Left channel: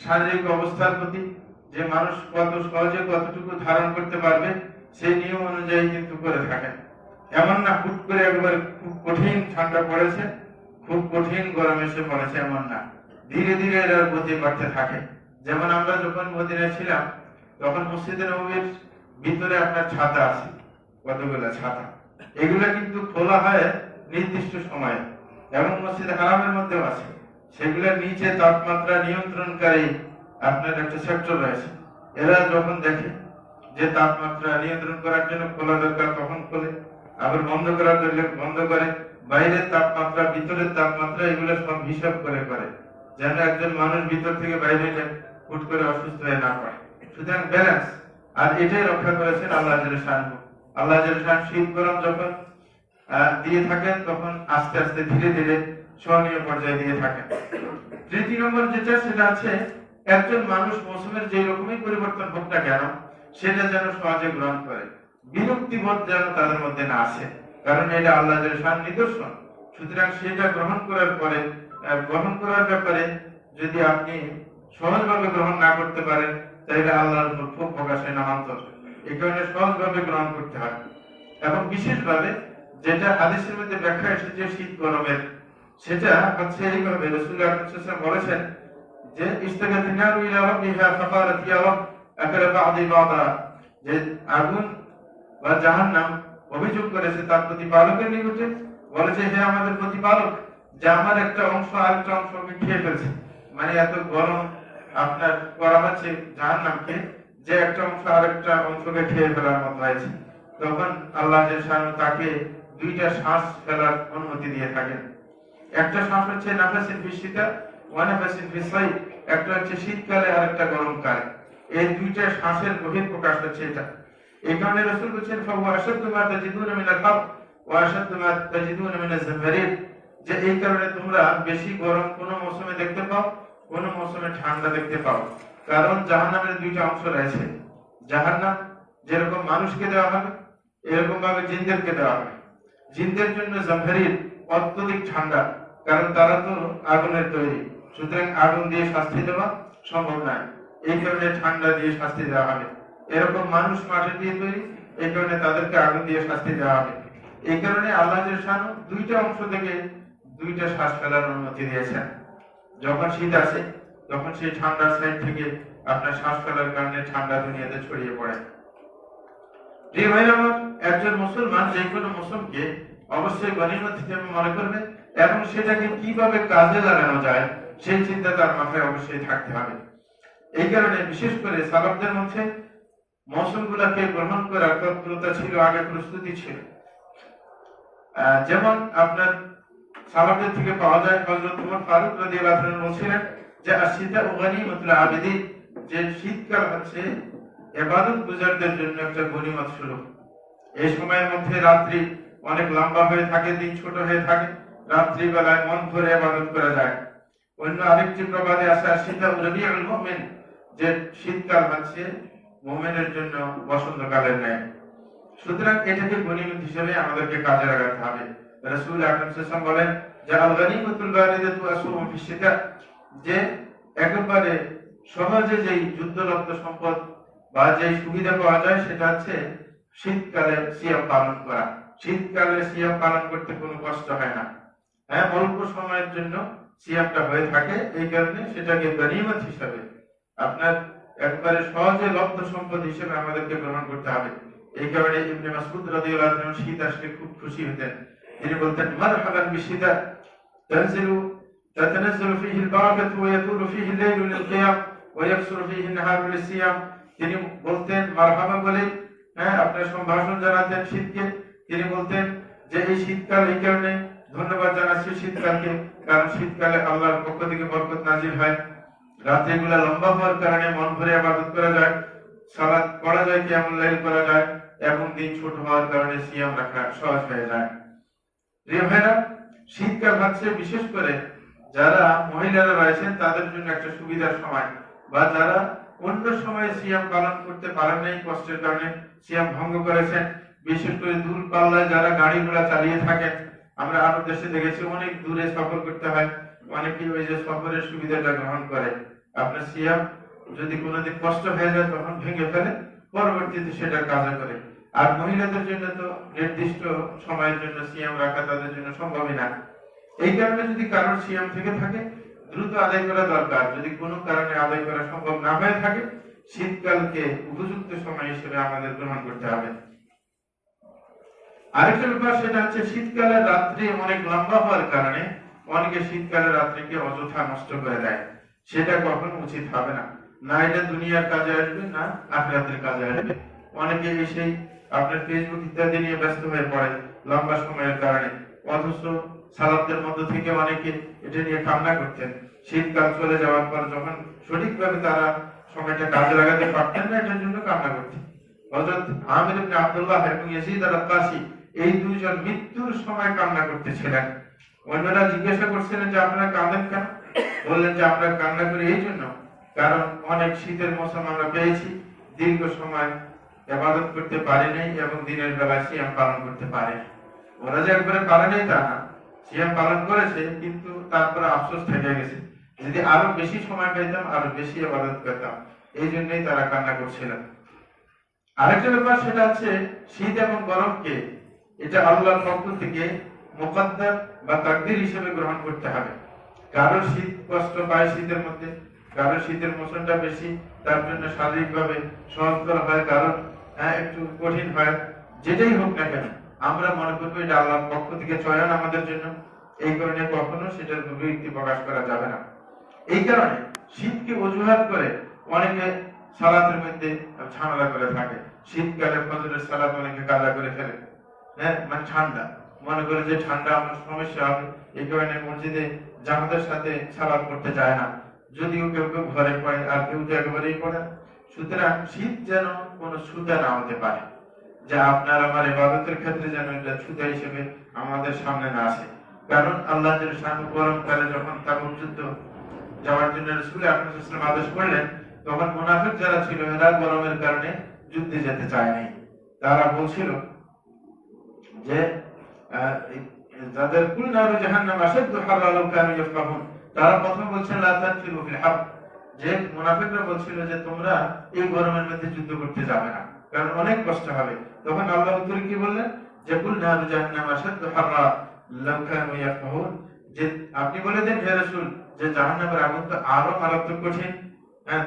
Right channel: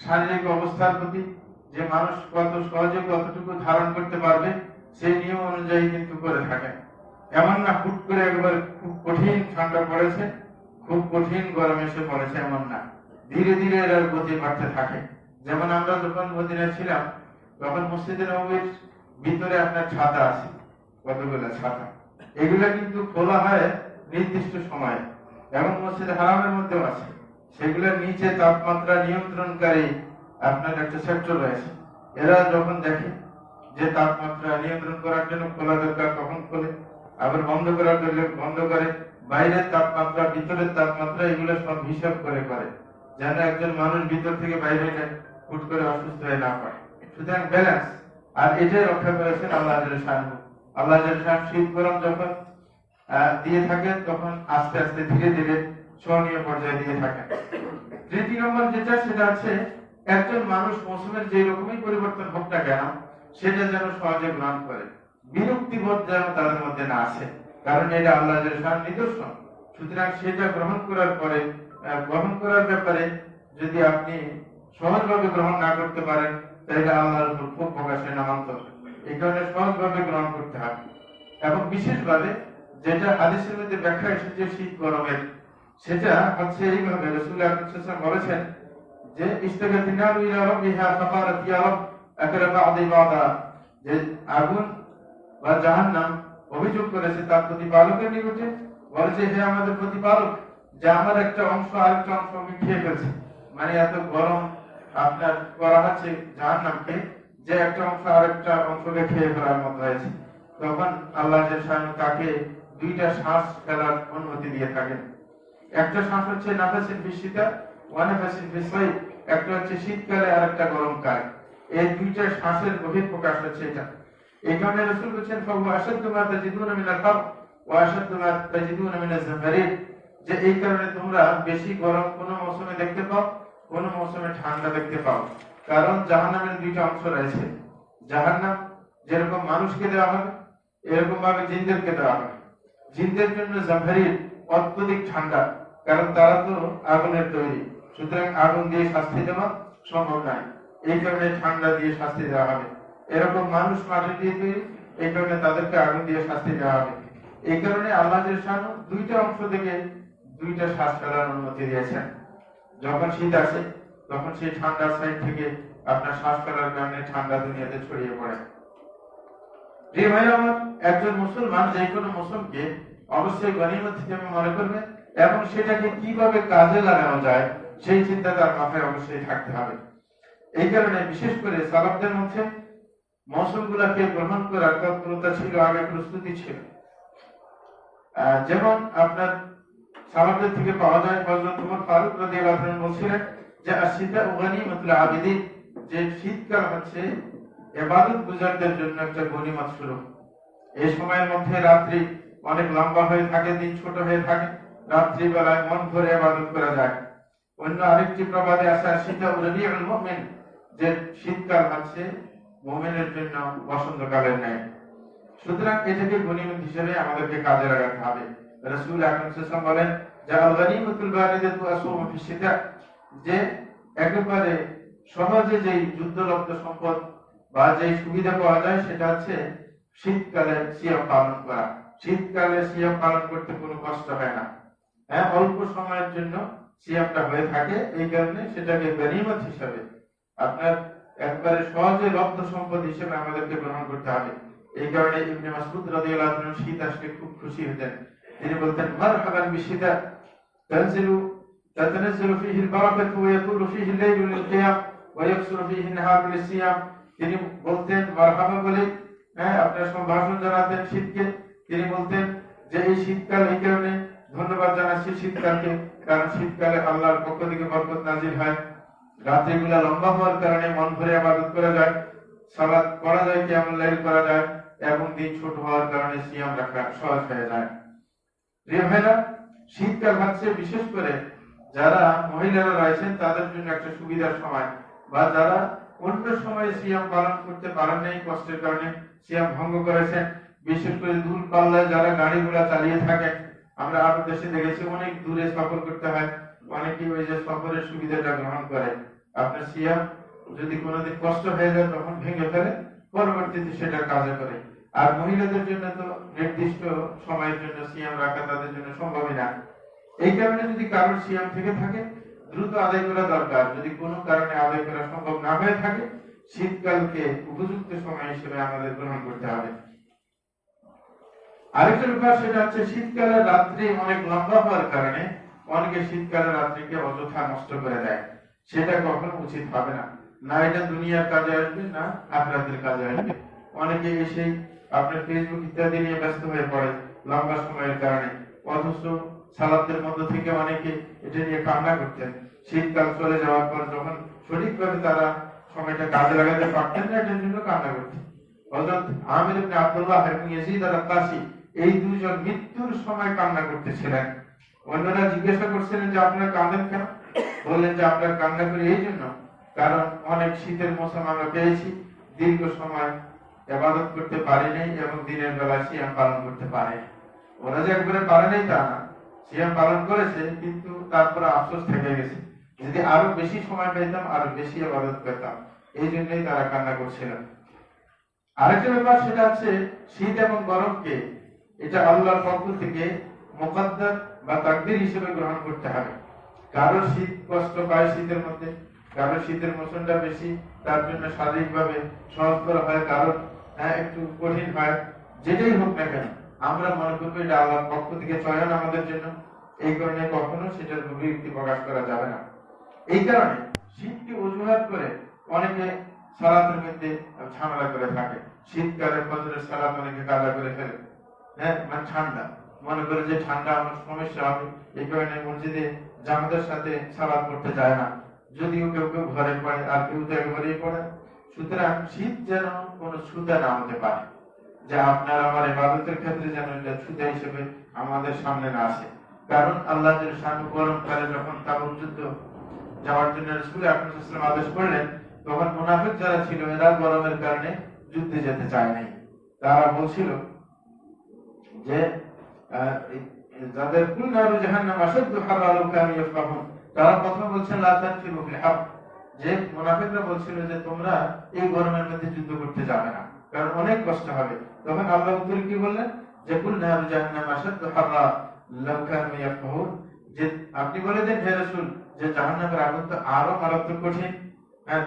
শারীরিক অবস্থার প্রতি, যে মানুষ কত সহজে কতটুকু ধারণ করতে পারবে সেই নিয়ম অনুযায়ী কিন্তু করে থাকেন। এমন না হুট করে একবার খুব কঠিন ঠান্ডা পড়েছে, খুব কঠিন গরম এসে পড়েছে, এমন না, ধীরে ধীরে এর গতি বাড়তে থাকে। যেমন আমরা যখন মদিনায় ছিলাম তখন মসজিদে নববীর ভিতরে আপনার ছাতা আছে, কতগুলো ছাতা, এগুলো কিন্তু খোলা হয় নির্দিষ্ট সময়ে, এবং মসজিদে হারামের মধ্যেও আছে। সেগুলোর নিচে তাপমাত্রা নিয়ন্ত্রণকারী আপনার একটা সেক্টর রয়েছে। এরা যখন দেখে যে তাপমাত্রা নিয়ন্ত্রণ করার জন্য খোলা দরকার তখন খোলে, আবার বন্ধ করার জন্য বন্ধ করে। বাইরের তাপমাত্রা, ভিতরের তাপমাত্রা, এগুলো সব হিসাব করে করে, যেন একজন মানুষ ভিতর থেকে বাইরে হুট করে অসুস্থ হয়ে না পড়ে। সুতরাং ব্যালেন্স, আর এটাই রক্ষা করেছেন আল্লাহ জাল্লাহু শানহু। আল্লাহ জাল্লাহু শানহু শীত গরম যখন দিয়ে থাকেন তখন আস্তে আস্তে ধীরে ধীরে সহনীয় পর্যায়ে দিয়ে থাকেন। তৃতীয় নম্বর যেটা, সেটা হচ্ছে একজন মানুষ মৌসুমের যে রকমই পরিবর্তন হোক না কেন সেটা যেন সহজে গ্রহণ করে, বিরক্তিবোধ যেন তাদের মধ্যে না আসে, কারণ এটা আল্লাহ জাল্লাহু নিদর্শন। সুতরাং সেটা গ্রহণ করার পরে, গ্রহণ করার ব্যাপারে যদি আপনি সহজভাবে গ্রহণ না করতে পারেন তাহলে আল্লাহর উপর ক্ষোভ প্রকাশে নামান্তর। এই কারণে সহজভাবে গ্রহণ করতে হয়। এবং বিশেষভাবে যেটা হাদিসের মধ্যে ব্যাখ্যা এসেছে শীত গরমের, সেটা হচ্ছে এইভাবে, রাসূলুল্লাহ সাল্লাল্লাহু আলাইহি ওয়াসাল্লাম বলেছেন যে ইস্তাগাতিন নারু ইলা রাব্বিহা ফাকালাত ইয়া রাব আকালা বা'দি বা'দা, যে আগুন বা জাহান্নাম অভিযোগ করেছে তার প্রতিপালকের নিকটে, বলেছে হে আমাদের প্রতিপালক, যে আমার একটা অংশ আরেকটা অংশকে খেয়ে ফেলছে। মানে এত গরম আপনার করা হচ্ছে জাহান্নামকে, যে একটা অংশ আরেকটা অংশকে খেয়ে ফেলার মতো হয়েছে। তখন আল্লাহ জাল্লাহু তাকে দুইটা শ্বাস ফেলার অনুমতি দিয়ে থাকেন। একটা শ্বাস হচ্ছে নাফাসিন ফিস শিতা ওয়া নাফাসিন ফিস সাইফ, একটা হচ্ছে শীতকালে আর একটা গরমকালে। এই দুইটা শ্বাসের বহিঃপ্রকাশ হচ্ছে এটা। এই কারণে রাসূল বলেছেন ফাওয়া আশাদ্দু মা তাজিদুনা মিনাল হার ওয়া আশাদ্দু মা তাজিদুনা মিনাজ জামহারির, যে এই কারণে তোমরা বেশি গরম কোন মৌসুমে দেখতে পাও, কোন মৌসুমে ঠান্ডা দেখতে পাও। কারণ জাহান্নামের দুইটা অংশ রয়েছে। জাহান্নাম যেরকম মানুষকে দেওয়া হবে এরকম ভাবে জিনদেরকে দেওয়া হবে। জিনদের জন্য জামহারির অত্যধিক ঠান্ডা, কারণ তারা তো আগুনের তৈরি, সুতরাং আগুন দিয়ে শাস্তি দেওয়া সম্ভব নয়, এই কারণে ঠান্ডা দিয়ে শাস্তি দেওয়া হবে। এরকম মানুষ মাটি দিয়ে তৈরি, এই কারণে তাদেরকে আগুন দিয়ে শাস্তি দেওয়া হবে। এই কারণে আল্লাহ জাল্লাহু দুইটা অংশ থেকে দুইটা শ্বাস ফেলার অনুমতি দিয়েছেন। যখন শীত আসে তখন সেই ঠান্ডার সাইড থেকে আপনার শ্বাস ফেলার কারণে ঠান্ডা দুনিয়াতে ছড়িয়ে পড়ে। প্রিয় ভাইরা আমার, একজন মুসলমান যে কোনো মৌসুমকে অবশ্যই গনিমত হিসেবে মনে করবে এবং সেটাকে কিভাবে কাজে লাগানো যায় সেই চিন্তা তার মাথায় অবশ্যই থাকতে হবে। এই কারণে বিশেষ করে সালাফদের মধ্যে মৌসুমগুলোকে গ্রহণ করার তৎপরতা ছিল, আগে প্রস্তুতি ছিল। যেমন আপনার সালাফদের থেকে পাওয়া যায় হযরত ওমর ফারুক রাদিয়াল্লাহু আনহু বলেছিলেন যে আশিদা গনিমাতুল আবিদিন, যে শীতকাল হচ্ছে ইবাদত গুজারদের জন্য একটা গনিমত স্বরূপ। এই সময়ের মধ্যে রাত্রি অনেক লম্বা হয়ে থাকে, দিন ছোট হয়ে থাকে, রাত্রি বেলায় মন ভরে ইবাদত করা যায়। অন্য আরেকটি প্রবাদে আছে আশিদা রবিউল মুমিন, যে শীতকাল হচ্ছে মুমিনের জন্য বসন্তকালের ন্যায়। সুতরাং এটাকে গনিমত হিসেবে আমাদেরকে কাজে লাগাতে হবে। রাসূল আকরাম সাল্লাল্লাহু আলাইহি ওয়াসাল্লাম বলেন যে আল গনিমাতুল বারিদাতু আসুমু ফিশ শিতা, যে একেবারে সহজে যেই যুদ্ধরত সম্পদ বা যেই সুবিধা পাওয়া যায় সেটা হচ্ছে শীতকালে সিয়াম পালন করা। শীতকালে সিয়াম পালন করতে কোনো কষ্ট হয় না, হ্যাঁ, অল্প সময়ের জন্য সিয়ামটা হয়ে থাকে, এই কারণে সেটাকে গনিমত হিসেবে আপনার একবারে সহজে লব্ধ সম্পদ হিসেবে আমাদেরকে গ্রহণ করতে হবে। এই কারণে ইবনে মাসউদ রাদিয়াল্লাহু আনহু শীত আসলে খুব খুশি হতেন। তিনি বলতেন মারহাবান বিশিতা তানজিলু তাতানাজ্জালু ফীহি আল-বারাকাতু ওয়া ইয়াতুলু ফীহি আল-লাইলু লিল-কিয়াম ওয়া ইয়াকসুরু ফীহি আন-নাহারু লিস-সিয়াম। তিনি বলতেন মারহাবা বলে, হ্যাঁ, আপনার সম্ভাষণ জানাতেন শীতকে। তিনি বলতেন যে এই শীতকাল, এই কারণে ধন্যবাদ জানাচ্ছি শীতকালকে, কারণ শীতকালে আল্লাহর পক্ষ থেকে বরকত নাজিল হয়, রাত্রিগুলো লম্বা হওয়ার কারণে মন ভরে ইবাদত করা যায়, সালাত পড়া যায়, কিয়ামুল লাইল করা যায়, এবং দিন ছোট হওয়ার কারণে সিয়াম রাখা সহজ হয়ে যায়। প্রিয় ভাইরা, শীতকাল হচ্ছে বিশেষ করে যারা মহিলারা রয়েছেন তাদের জন্য একটা সুবিধার সময়, বা যারা অন্য সময়ে সিয়াম পালন করতে পারেন নাই, কষ্টের কারণে সিয়াম ভঙ্গ করেছেন, বিশেষ করে দূর পাল্লায় যারা গাড়ি ঘোড়া চালিয়ে থাকেন। আমরা আরো দেশে দেখেছি অনেক দূরে সফর করতে হয়, অনেকে ওই যে সফরের সুবিধাটা গ্রহণ করে, আপনার সিয়াম যদি কোনোদিন কষ্ট হয়ে যায় তখন ভেঙে ফেলে, পরবর্তীতে সেটা কাজে করে। আর মহিলাদের জন্য তো নির্দিষ্ট সময়ের জন্য সিয়াম রাখা তাদের জন্য সম্ভবই না। এই কারণে যদি কারোর সিয়াম থেকে থাকে দ্রুত আদায় করা দরকার। যদি কোনো কারণে আদায় করা সম্ভব না হয়ে থাকে, শীতকালকে উপযুক্ত সময় হিসেবে আমাদের গ্রহণ করতে হবে। আরেকটা ব্যাপার সেটা হচ্ছে শীতকালের রাত্রি অনেক লম্বা হওয়ার কারণে অনেকে শীতকালের রাত্রিকে অযথা নষ্ট করে দেয়। সেটা কখনো উচিত হবে না। না এটা দুনিয়ার কাজে আসবে, না আখিরাতের কাজে আসবে। অনেকে এসেই আপনার ফেসবুক ইত্যাদি নিয়ে ব্যস্ত হয়ে পড়ে লম্বা সময়ের কারণে, অথচ সালাতের মধ্যে থেকে অনেকে এটা নিয়ে কান্না করতেন। শীতকাল চলে যাওয়ার পর যখন সঠিকভাবে তারা সময়টা কাজে লাগাতে পারতেন না, এটার জন্য কান্না করতেন। হযরত আমির ইবনে আব্দুল্লাহ এবং ইয়াজিদ আল-কাসি এই দুইজন মৃত্যুর সময় কান্না করতেছিলেন। অন্যরা জিজ্ঞাসা করছিলেন যে আপনারা কাঁদেন কেন? বললেন যে আমরা কান্না করি এই জন্য, কারণ অনেক শীতের মৌসুম আমরা পেয়েছি, দীর্ঘ সময় ইবাদত করতে পারি নাই এবং দিনের বেলা সিয়াম পালন করতে পারে। ওরা যে একবারে পারে নাই তা না, সিয়াম পালন করেছে, কিন্তু তারপরে আফসোস থেকে গেছে, যদি আরো বেশি সময় পেতাম আরো বেশি ইবাদত করতাম। এই জন্যই তারা কান্না করছিলেন। আরেকটা ব্যাপার সেটা হচ্ছে শীত এবং গরমকে এটা আল্লাহর পক্ষ থেকে মুকদ্দার বা তাকদীর হিসেবে গ্রহণ করতে হবে। কারো শীত কষ্ট পায় শীতের মধ্যে, কারো শীতের মৌসুমটা বেশি, তার জন্য শারীরিকভাবে সহজতর হয়, কারো একটু কঠিন হয়। যেটাই হোক না কেন আমরা মনে করবো এটা আল্লাহর পক্ষ থেকে চয়ন আমাদের জন্য। এই কারণে কখনো সেটার বিরক্তি প্রকাশ করা যাবে না। এই কারণে শীতকে অজুহাত করে অনেকে সালাতের মধ্যে ঝামেলা করে থাকে। শীতকালে ফজরের সালাত অনেকে কাজা করে ফেলে, মানে ঠান্ডা মনে করে যে ঠান্ডা আমার সমস্যা হবে, এই কারণে মসজিদে জামাতের সাথে সালাত করতে যায় না। যদিও কেউ কেউ ঘরে পড়ে আর কেউ তো একেবারেই পড়ে। সুতরাং শীত যেন কোনো ছুতা না হতে পারে, যা আপনার আমার ইবাদতের ক্ষেত্রে যেন এটা ছুতা হিসেবে আমাদের সামনে না আসে। কারণ আল্লাহ গরমকালে যখন তাবুক যুদ্ধ যাওয়ার জন্য রাসূল আকরাম সাল্লাল্লাহু আলাইহি ওয়াসাল্লাম আদেশ করলেন, তখন মুনাফিক যারা ছিল এরা গরমের কারণে যুদ্ধে যেতে চায় নাই। তারা বলছিল যে যাদের কুল নারু জাহান্নাম আশাদ্দু হাররা লাউ কানু ইয়াফকাহুন, তারা প্রথমে বলছেন লা তানফিরু ফিল হার, যে মুনাফিকরা বলছিল যে তোমরা এই গরমের মধ্যে যুদ্ধ করতে যাবে না, কারণ অনেক কষ্ট হবে। তখন আল্লাহ উত্তরে কি বললেন যে কুল নারু জাহান্নাম আশাদ্দু হাররা লাউ কানু ইয়াফকাহুন, যে আপনি বলে দেন হে রাসূল যে জাহান্নামের আগুন তো আরো মারাত্মক কঠিন,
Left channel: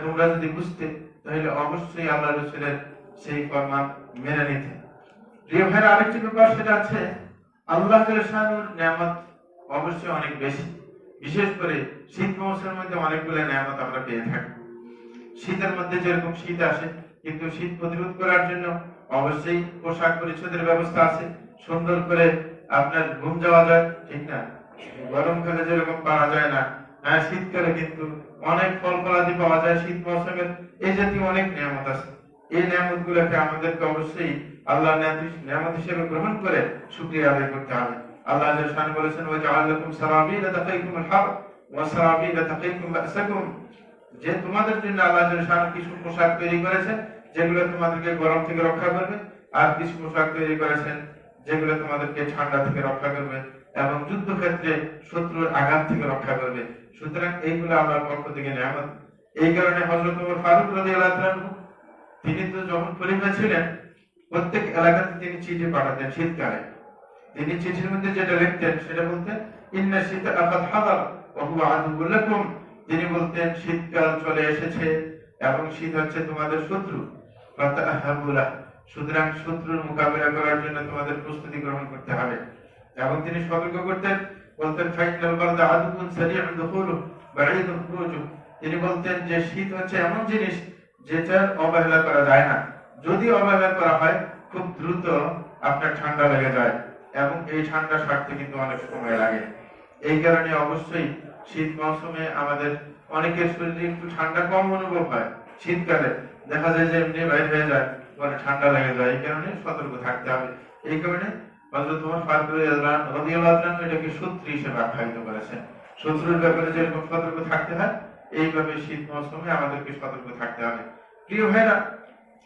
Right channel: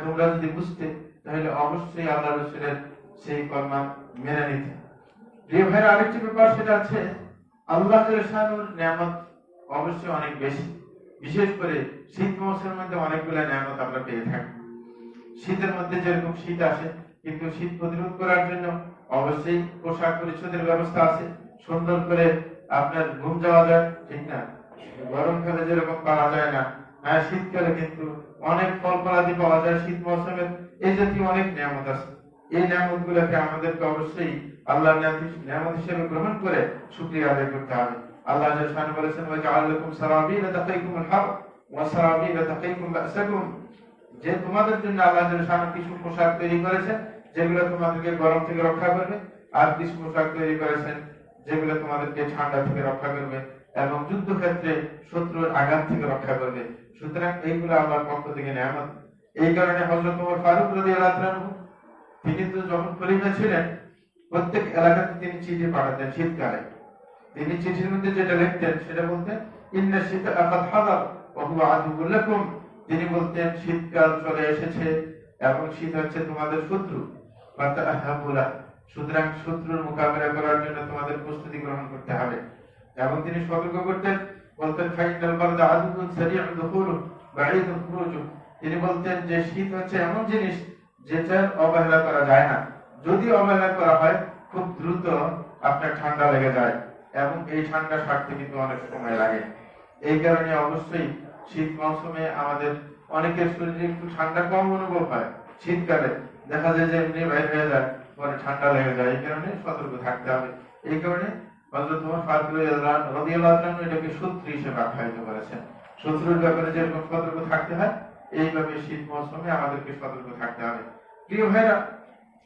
তোমরা যদি বুঝতে তাহলে অবশ্যই আল্লাহ রাসূলের সেই ফরমান মেনে নিতে। প্রিয় ভাইরা, আরেকটি ব্যাপার সেটা আছে আল্লাহ শানুর নিয়ামত অবশ্যই অনেক বেশি। বিশেষ করে শীত মৌসুমের মধ্যে অনেকগুলো নিয়ামত আমরা পেয়ে থাকি। শীতের মধ্যে যেরকম শীত আসে, কিন্তু শীত প্রতিরোধ করার জন্য অবশ্যই পোশাক পরিচ্ছদের ব্যবস্থা আছে, সুন্দর করে আপনার ঘুম যাওয়া যায়, ঠিক না? গরমকালে যেরকম পাওয়া যায় না, শীতকালে কিন্তু অনেক ফল ফলাদি পাওয়া যায়। শীত মৌসুমের এই জাতীয় অনেক নিয়ামত আছে। এই নিয়ামত গুলোকে আমাদেরকে অবশ্যই আল্লাহর নিয়ামত হিসেবে গ্রহণ করে শুকরিয়া আদায় করতে হবে। আল্লাহ জাল্লাহু বলেছেন ওয়া জাআলাকুম সারাবিলা তাকিকুমুল হার ওয়া সারাবিলা তাকিকুম বাসাকুম, যে তোমাদের জন্য আল্লাহ জাল্লাহু কিছু পোশাক তৈরি করেছেন যেগুলো তোমাদেরকে গরম থেকে রক্ষা করবে, আর কিছু পোশাক তৈরি করেছেন যেগুলো তোমাদেরকে ঠান্ডা থেকে রক্ষা করবে এবং যুদ্ধক্ষেত্রে শত্রুর আঘাত থেকে রক্ষা করবে। সুতরাং এইগুলো আল্লাহর পক্ষ থেকে নিয়ামত। এই কারণে হযরত ওমর ফারুক রাদিয়াল্লাহু আনহু তিনি তো যখন খলিফা ছিলেন প্রত্যেক এলাকাতে তিনি চিঠি পাঠাতেন শীতকালে। তিনি চিঠির মধ্যে যেটা লিখতেন সেটা বলতেন ইন্না শীতা আকাদ হাদার ওয়া হুয়া আদুউল লাকুম, তিনি বলতেন শীতকাল চলে এসেছে এবং শীত হচ্ছে তোমাদের শত্রু, ফাতাহাবুলা, সুতরাং শত্রুর মোকাবিলা করার জন্য তোমাদের প্রস্তুতি গ্রহণ করতে হবে। এবং তিনি সতর্ক করতেন, বলতেন ফাইনাল বারদা আদুউন সারিউন দুখুলু বাঈদুন খুরুজু, তিনি বলতেন যে শীত হচ্ছে এমন জিনিস যেটার অবহেলা করা যায় না, যদি অবহেলা করা হয় খুব দ্রুত আপনার ঠান্ডা লেগে যায় এবং এই ঠান্ডা সারতে কিন্তু অনেক সময় লাগে। এই কারণে অবশ্যই শীত মৌসুমে আমাদের অনেকের শরীরে একটু ঠান্ডা কম অনুভব হয়, শীতকালে দেখা যায় যে এমনি বাইরে হয়ে যায়, পরে ঠান্ডা লেগে যায়। এই কারণে সতর্ক থাকতে হবে। এই কারণে হযরত ওমর ফারুক রাদিয়াল্লাহু আনহু এটাকে শত্রু হিসেবে আখ্যায়িত করেছেন। শত্রুর ব্যাপারে যেরকম সতর্ক থাকতে হয়, এইভাবে শীত মৌসুমে আমাদেরকে সতর্ক থাকতে হবে। প্রিয় ভাইরা,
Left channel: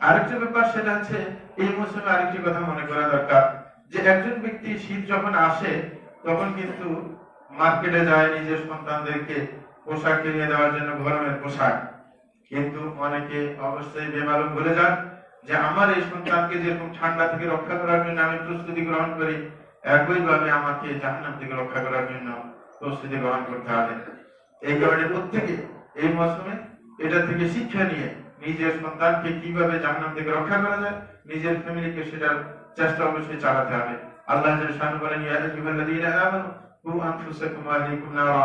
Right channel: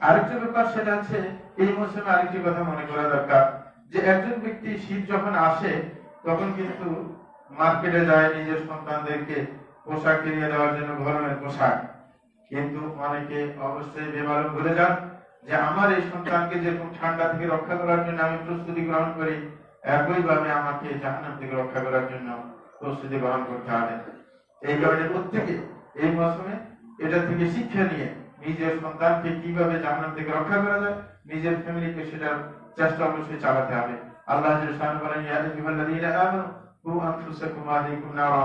আরেকটা ব্যাপার সেটা হচ্ছে এই মৌসুমে আরেকটি কথা মনে করা দরকার যে একজন ব্যক্তি শীত যখন আসে তখন কিন্তু মার্কেটে যায় নিজের সন্তানদেরকে পোশাক কিনে দেওয়ার জন্য, গরমের পোশাক। কিন্তু অনেকে অবশ্যই বেমালুম ভুলে যান যে আমার এই সন্তানকে যেরকম ঠান্ডা থেকে রক্ষা করার জন্য আমি প্রস্তুতি গ্রহণ করি, একইভাবে আমাকে জাহান্নাম থেকে রক্ষা করার জন্য প্রস্তুতি গ্রহণ করতে হবে। এই কারণে প্রত্যেকে এই মৌসুমে এটা থেকে শিক্ষা নিয়ে নিজের সন্তানকে কিভাবে জাহান্নাম থেকে রক্ষা করা যায়, নিজের ফ্যামিলিকে সেটার চেষ্টা অবশ্যই চালাতে হবে। আল্লাহ জাল্লাহু বলেন, ইয়া আইয়ুহাল্লাযীনা আমানু কু আনফুসাকুম ওয়া আহলিকুম নারা।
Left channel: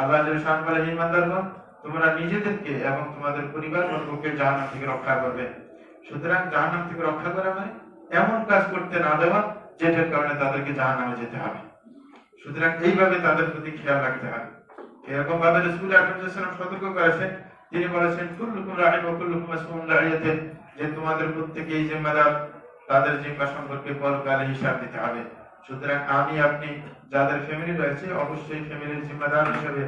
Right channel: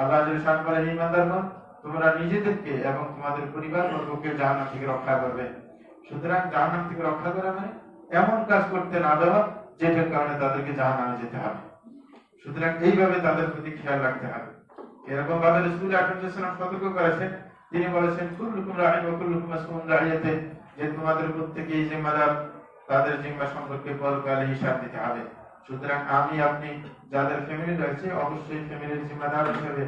আল্লাহ জাল্লাহু বলেন, হে ইমানদারগণ, তোমরা নিজেদেরকে এবং তোমাদের পরিবারবর্গকে জাহান্নাম থেকে রক্ষা করবে। সুতরাং জাহান্নাম থেকে রক্ষা করা মানে এমন কাজ করতে না দেওয়া যেটার কারণে তাদেরকে জাহান্নামে যেতে হবে। সুতরাং এইভাবে তাদের প্রতি খেয়াল রাখতে হবে। এরকম ভাবে রাসূল আকরাম সাল্লাল্লাহু আলাইহি ওয়াসাল্লাম সতর্ক করেছেন। তিনি বলেছেন, কুল্লুকুম রাঈন ওয়া কুল্লুকুম মাসউলুন আন রাঈয়াতিহি, যে তোমাদের প্রত্যেকেই জিম্মাদার, তাদের জিম্মা সম্পর্কে পরকালে হিসাব দিতে হবে। সুতরাং আমি আপনি যাদের ফ্যামিলি রয়েছে অবশ্যই ফ্যামিলির জিম্মাদার হিসেবে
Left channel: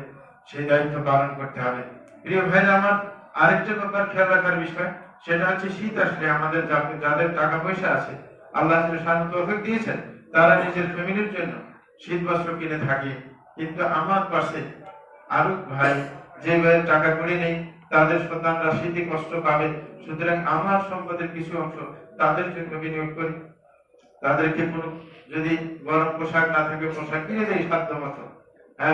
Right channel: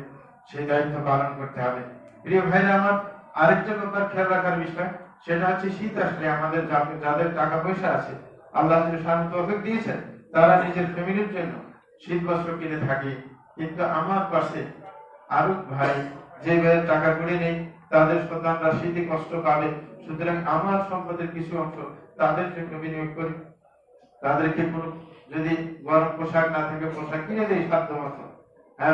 সেই দায়িত্ব পালন করতে হবে। প্রিয় ভাইরা আমার, আরেকটা ব্যাপার খেয়াল রাখার বিষয়, সেটা হচ্ছে শীত আসলে আমাদের যাদের টাকা পয়সা আছে, আল্লাহ সুবহানাহু তৌফিক দিয়েছেন, তারা নিজের ফ্যামিলির জন্য শীত বস্ত্র কিনে থাকে। কিন্তু আমার পাশে আরো ভাই, যে ভাইয়ের টাকা কড়ি নেই, তাদের সন্তানরা শীতে কষ্ট পাবে। সুতরাং আমার সম্পদের কিছু অংশ তাদের জন্য বিনিয়োগ করি। তাদেরকে কোনো যদি গরম পোশাক না থাকে, পোশাক কিনে দেয় সাধ্য মতো,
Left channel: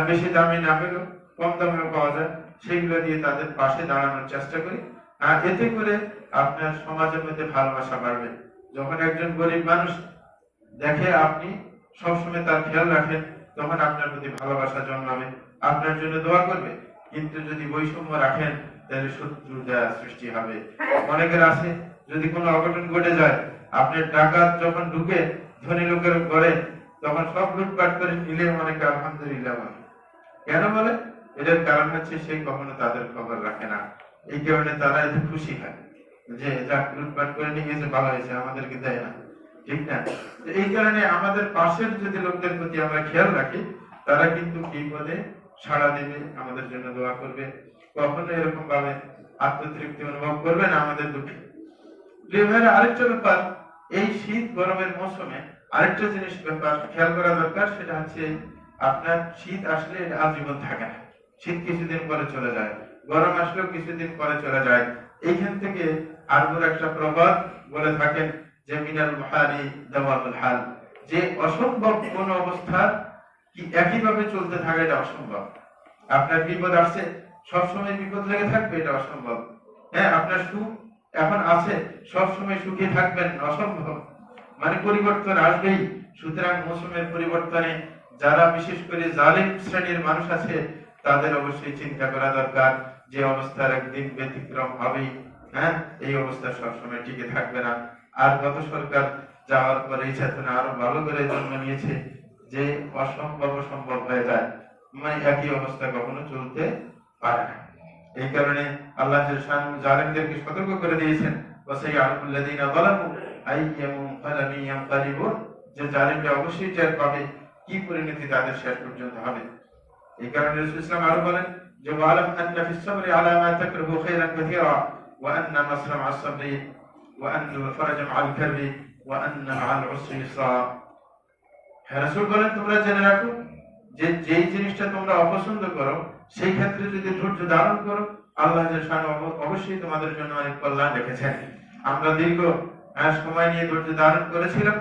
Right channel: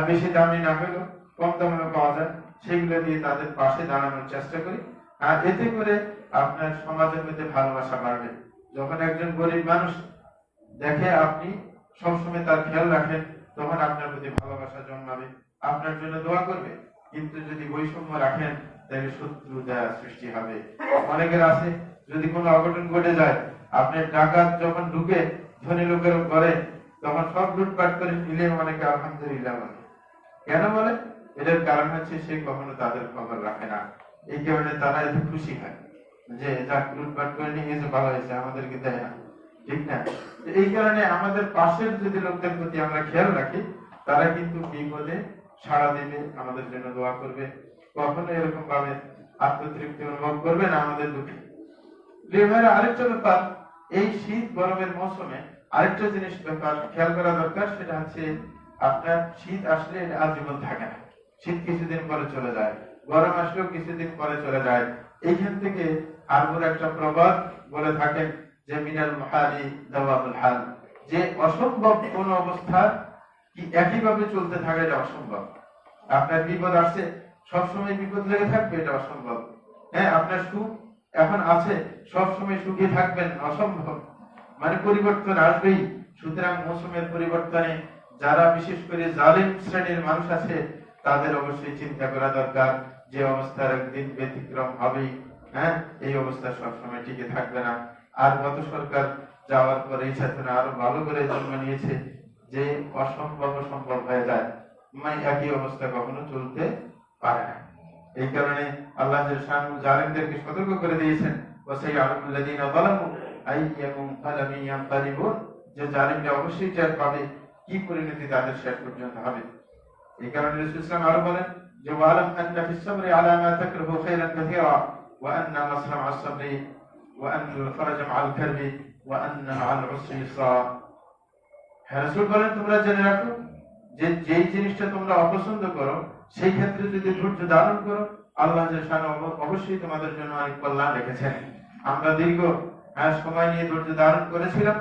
বেশি দামি না হলেও কম দামেও পাওয়া যায়, সেগুলো দিয়ে তাদের পাশে দাঁড়ানোর চেষ্টা করি। আর এতে করে আপনার সমাজের মধ্যে ভালোবাসা বাড়বে। যখন একজন গরিব মানুষ দেখে আপনি সবসময় তার খেয়াল রাখেন, তখন আপনার প্রতি ভালোবাসা জন্মাবে, আপনার জন্য দোয়া করবে। কিন্তু যদি বৈষম্য রাখেন, তাহলে শত্রুতা সৃষ্টি হবে। অনেকের আছে, যদি কোনো অঘটন ঘটে যায়, আপনার টাকা যখন ঢুকে ধনী লোকের ঘরে, তখন সব লুটপাট করে নিলে অনেকে আলহামদুলিল্লাহ বলে। কেন বলে? এটার কারণ হচ্ছে সে কখনো তাদের খবর রাখে না। এই কারণে তারা এত খুশি হয় যে যাক, লুটপাট করে নিয়ে গেছে, ভালো হয়েছে, আমাদেরকে দেয় না, ঠিক না? এই কারণে আমাদের পাশের যদি লোকদের প্রতি আমরা খেয়াল রাখি, তারা কিন্তু বিপদে সাড়া দেবে, আমাদের জন্য দোয়া করবে, কখনো এরকম ভাবে আত্মতৃপ্তি অনুভব করবে না আমাদের দুঃখে। আরেকটা ব্যাপার, এই শীত গরমের মৌসুমে আরেকটা জিনিস ব্যাপার খেয়াল করা দরকার, সেটা হচ্ছে আপনার শীত আসলে এটা আজীবন থাকে না। শীত কিছুদিন পরে চলে যায়, গরম আসলেও কিছুদিন পরে চলে যায়। এইখান থেকে আরবুর একটা প্রবাদ বলে থাকেন যে মিনাল মুহালি দাওয়াতুল হাল, যে অসম্ভব কোন অবস্থা কি একইভাবে চলতে থাকে, এটা অসম্ভব। আপনার বিপদ আসছে, সবসময় বিপদ লেগে থাকবে, এটা অসম্ভব। হ্যাঁ, আপনার সুখ এখন আছে, সবসময় সুখে থাকবেন, অসম্ভব। মানে পরিবর্তন আসবেই। সুতরাং মৌসুমের পরিবর্তনে যারা বিশেষ করে জালিম শ্রেণীর মানুষ আছে, তাদের অবশ্যই চিন্তা করা দরকার যে অবস্থার একদিন ব্যতিক্রম হবেই। হ্যাঁ, এই অবস্থা সবসময় টিকে থাকবে না। আর গত সরকার যাওয়ার পরে এই চেতনা আরো ভালো করে জন্ম নিয়েছে যে অসম্ভব সম্ভব হয়ে যায়, মানে একই অবস্থা কখনো চলতে পারে না। এই কারণে আল্লাহ জালিমদেরকে সতর্ক করে দিয়েছেন, ওয়াসাইয়ালামুল্লাযীনা যালামু আইয়ামু ফালামি ইয়ানকালিবুন, যে জালিমরা অবশ্যই টের পাবে কি পরিণতি তাদের শেষ পর্যন্ত হবে। এই কারণে রাসূল সাল্লাল্লাহু আলাইহি ওয়াসাল্লাম আরো বলেন যে ওয়ালাম আন্না ফিস সাবরি আলা মা তাকরাহু খায়রান কাসীরা ওয়া আন্না নাসরা মা'আস সাবরি ওয়া আন্নাল ফারাজা মা'আল কারবি ওয়া আন্না মা'আল উসরি ইসরা। হ্যাঁ, রাসূল বলেন, তোমরা জেনে রাখো যে যেই জিনিসটা তোমরা অপছন্দ করো, সেই ক্ষেত্রে যদি ধৈর্য ধারণ করো, আল্লাহ অবশ্যই তোমাদের জন্য অনেক কল্যাণ রেখেছেন। আমরা দীর্ঘ সময় নিয়ে ধৈর্য ধারণ করেছিলাম,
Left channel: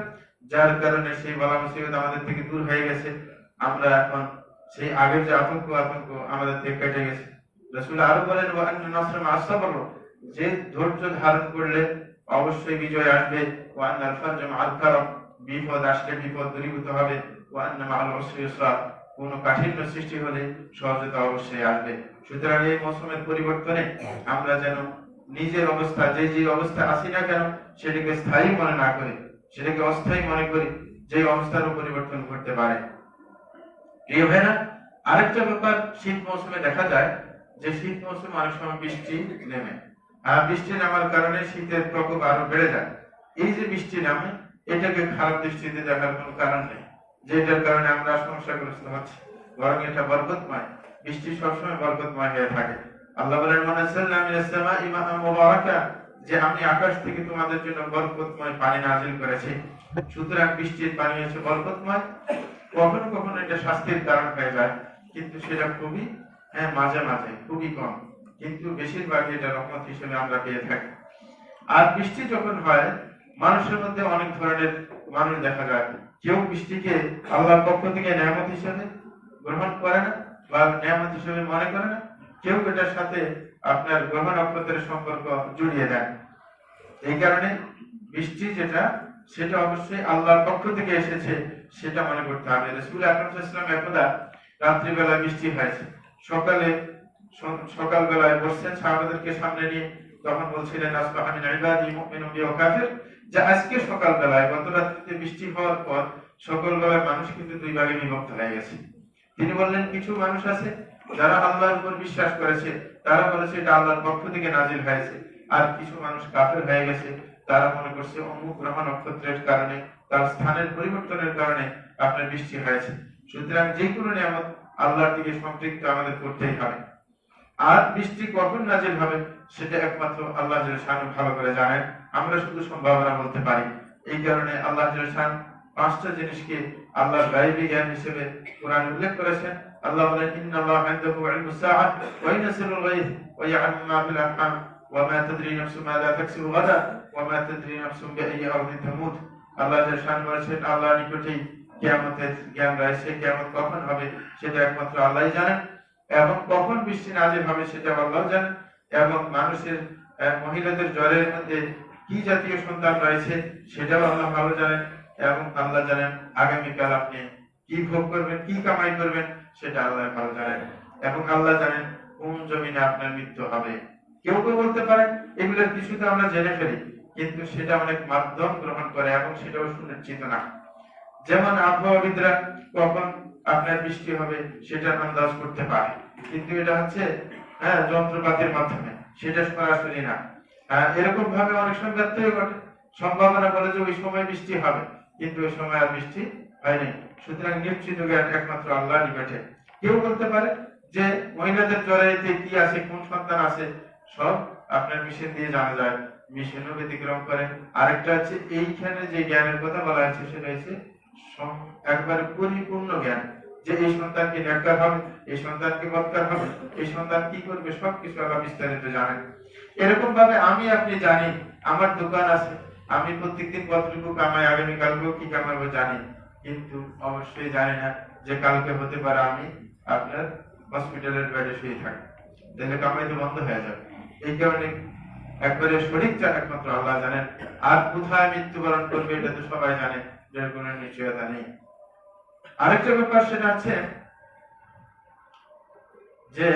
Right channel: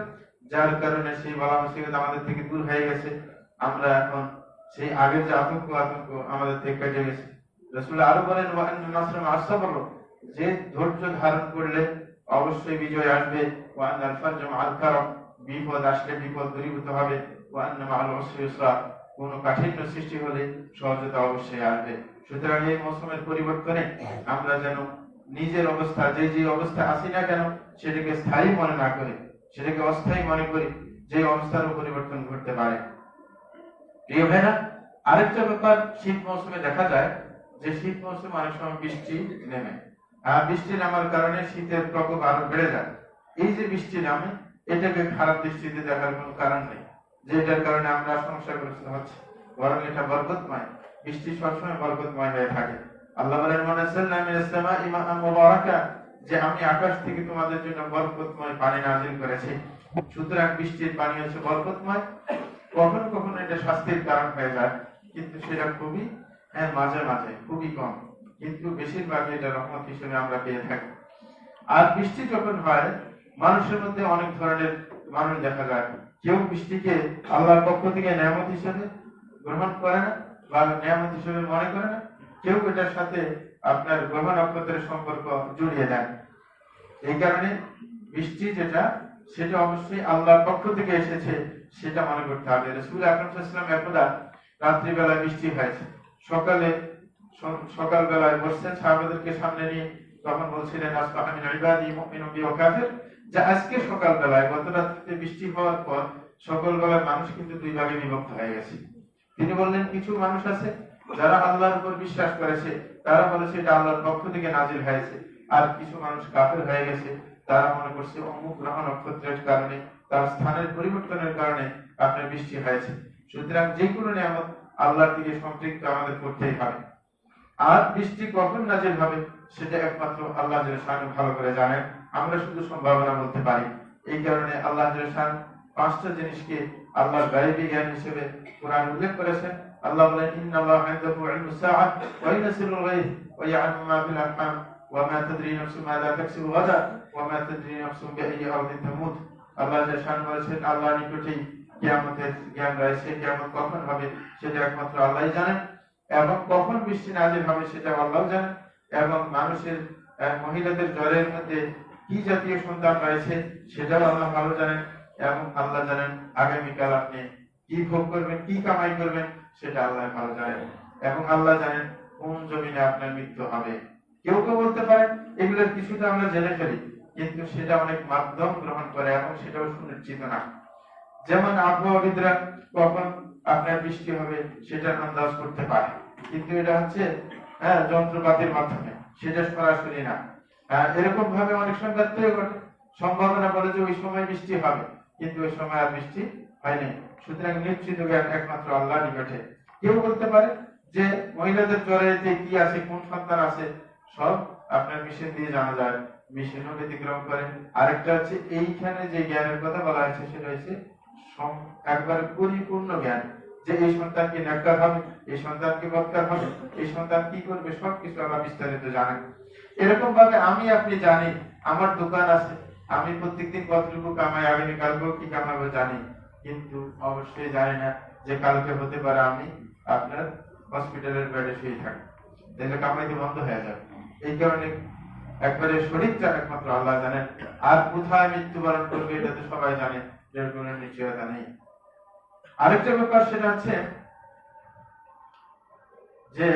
যার কারণে সেই বালা মুসিবত আমাদের থেকে দূর হয়ে গেছে। আমরা এখন সেই আগের যে আতঙ্ক আমাদের থেকে কেটে গেছে। রাসূল আরো বলেন, ওয়া আন্না নাসরা মা'আস সাবর, যে ধৈর্য ধারণ করলে অবশ্যই বিজয় আসবে। ওয়া আন্নাল ফারজা মা'আল কারম, বিপদ আসলে বিপদ দূরীভূত হবে। ওয়া আন্না মা'আল উসরি ইসরা, কোন কাঠিন্য সৃষ্টি হলে সহজতা অবশ্যই আসবে। সুতরাং এই মৌসুমের পরিবর্তনে আমরা যেন নিজের অবস্থা, যে অবস্থা আছি না কেন, সেটাকে স্থায়ী মনে না করি, সেটাকে অস্থায়ী মনে করি, যে অবস্থারও পরিবর্তন ঘটতে পারে। প্রিয় ভাইরা, আরেকটা ব্যাপার শীত মৌসুমে দেখা যায় যে শীত মৌসুমে অনেক সময় বৃষ্টি নেমে, আর বৃষ্টি নামার কারণে শীতের প্রকোপ আরো বেড়ে যায়। এই যে বৃষ্টি নামে, এটাকে খারাপ দৃষ্টিতে দেখার কোনো কারণ নেই, যেটার কারণে আমরা সমস্যাগ্রস্ত হচ্ছি। বরং এটা বরকতময়, বৃষ্টি সবসময় বরকতময় হয়ে থাকে। আল্লাহ বলেন, ওয়ানাযালনা মিনাস সামাই মাআন মুবারাকা, যে আমি আকাশ থেকে তোমাদের জন্য বরকতময় পানি নাযিল করেছি। সুতরাং বৃষ্টির পানি হচ্ছে বরকতময়। কখনো কখনো এটা শাস্তির কারণ হয়ে যায়, কিন্তু সেটা খুবই হ্যাঁ, মাঝে মাঝে, খুবই কম, কিন্তু বেশিরভাগই এটা রহমত হিসেবে আমরা পেয়ে থাকি। আর বৃষ্টি যখন হয়, মানুষের মধ্যে অনেক ধরনের মানুষ দেখা যায়। কেউ বৃষ্টিকে আল্লাহর পক্ষ থেকে নেয়ামত হিসেবে গ্রহণ করে না বা নেয়ামত হিসেবে মনে করে না, কেউ এটার সাথে আপনার গ্রহ নক্ষত্রের সম্পর্ক জড়িয়ে দেয়। এই কারণে বৃষ্টি যেটা, সেটা অবশ্যই আল্লাহর পক্ষ থেকে এসেছে সেটা মনে করতে হবে। রাসূল আকরাম সাল্লাল্লাহু আলাইহি ওয়াসাল্লাম একদা রাত্রিবেলা বৃষ্টি হয়েছে, সকালবেলায় বসছেন সাহাবাদেরকে সামনে নিয়ে, তখন বলছিলেন আসবাহা মিন ইবাদি মুমিনুন ওয়া কাফির, যে আজকে সকালবেলায়, গত রাত্রিতে বৃষ্টি হওয়ার পর সকালবেলায় মানুষ কিন্তু দুই ভাগে বিভক্ত হয়ে গেছে। তিনি বললেন, কিছু মানুষ আছে যারা আল্লাহর উপর বিশ্বাস করেছে, তারা বলেছে এটা আল্লাহর পক্ষ থেকে নাজিল হয়েছে। আর কিছু মানুষ কাফের হয়ে গেছে, তারা মনে করছে অমুক গ্রহ নক্ষত্রের কারণে, তার স্থানের পরিবর্তনের কারণে আপনার বৃষ্টি হয়েছে। সুতরাং যে কোনো নিয়ামত আল্লাহর দিকে সম্পৃক্ত আমাদের করতেই হবে। আর বৃষ্টি কখন নাজিল হবে সেটা একমাত্র আল্লাহ জাল্লাহু শাআনহু ভালো করে জানেন, আমরা শুধু সম্ভাবনা বলতে পারি। এই কারণে আল্লাহ জাল্লাহু শাআনহু পাঁচটা জিনিসকে আল্লাহর গায়বী জ্ঞান হিসেবে কোরআনে উল্লেখ করেছেন। আল্লাহ বলেন, ইন্নাল্লাহা ইনদাহু ইলমুস সাআহ ওয়া ইয়ানসিরুল গায়ব ওয়া ইয়া'লামু মা ফিল আরহাম ওয়া মা তাদরি নাফসুন মাযা তাকসিবু গাদা ওয়া মা তাদরি নাফসুন বিআইয়ি আরদিন তামুত। আল্লাহ জাল্লাহু শাআনহু বলেছেন, আল্লাহর নিকটেই কিয়ামতের জ্ঞান রয়েছে, কিয়ামত কখন হবে সেটা একমাত্র আল্লাহই জানেন, এবং কখন বৃষ্টি নাজিল হবে সেটা আল্লাহ জানেন, এবং মানুষের মহিলাদের জ্বরের মধ্যে কি জাতীয় সন্তান রয়েছে সেটাও আল্লাহ ভালো জানেন, এবং আল্লাহ জানেন আগামীকাল আপনি কি ভোগ করবেন, কি কামাই করবেন সেটা আল্লাহ ভালো জানেন, এবং আল্লাহ জানেন কোন জমিনে আপনার মৃত্যু হবে। কেউ কেউ বলতে পারেন এগুলোর কিছুটা আমরা জেনে ফেলি, কিন্তু সেটা অনেক মাধ্যম গ্রহণ করে এবং সেটাও সুনিশ্চিত না। যেমন আবহাওয়াবিদরা কখন আপনার বৃষ্টি হবে সেটা আন্দাজ করতে পারে, কিন্তু এটা হচ্ছে যন্ত্রপাতির মাধ্যমে, সেটা সরাসরি না। এরকম ভাবে অনেক সময় ব্যত্যয় ঘটে, সম্ভাবনা বলে যে ওই সময় বৃষ্টি হবে, কিন্তু ওই সময় আর বৃষ্টি হয়নি। সুতরাং নিশ্চিত জ্ঞান একমাত্র আল্লাহর নিকটে। কেউ বলতে পারে যে মহিলাদের জ্বরেতে কি আছে, কোন সন্তান আছে, সব আপনার মেশিন দিয়ে জানা যায়, মেশিনও ব্যতিক্রম করে। আরেকটা হচ্ছে এইখানে যে জ্ঞানের কথা বলা হয়েছে সেটা হচ্ছে একবারে পরিপূর্ণ জ্ঞান, যে এই সন্তান কি নেককার হবে, এই সন্তান কি বদকার হবে, এই সন্তান কি করবে, সবকিছু আল্লাহ বিস্তারিত জানেন। এরকম ভাবে আমি আপনি জানি, আমার দোকান আছে, আমি প্রত্যেকদিন কতটুকু কামাই, আগামীকালকেও কি কামাবো জানি, কিন্তু অবশ্যই জানি না যে কালকে হতে পারে আমি আপনার হসপিটালের বেডে শুয়ে থাকি, তাহলে কামাই তো বন্ধ হয়ে যাবে। এই কারণে একবারে সঠিকটা একমাত্র আল্লাহ জানেন। আর কোথায় মৃত্যুবরণ করবে এটা তো সবাই জানে, এর কোনো নিশ্চয়তা নেই। আরেকটা ব্যাপার সেটা আছে যে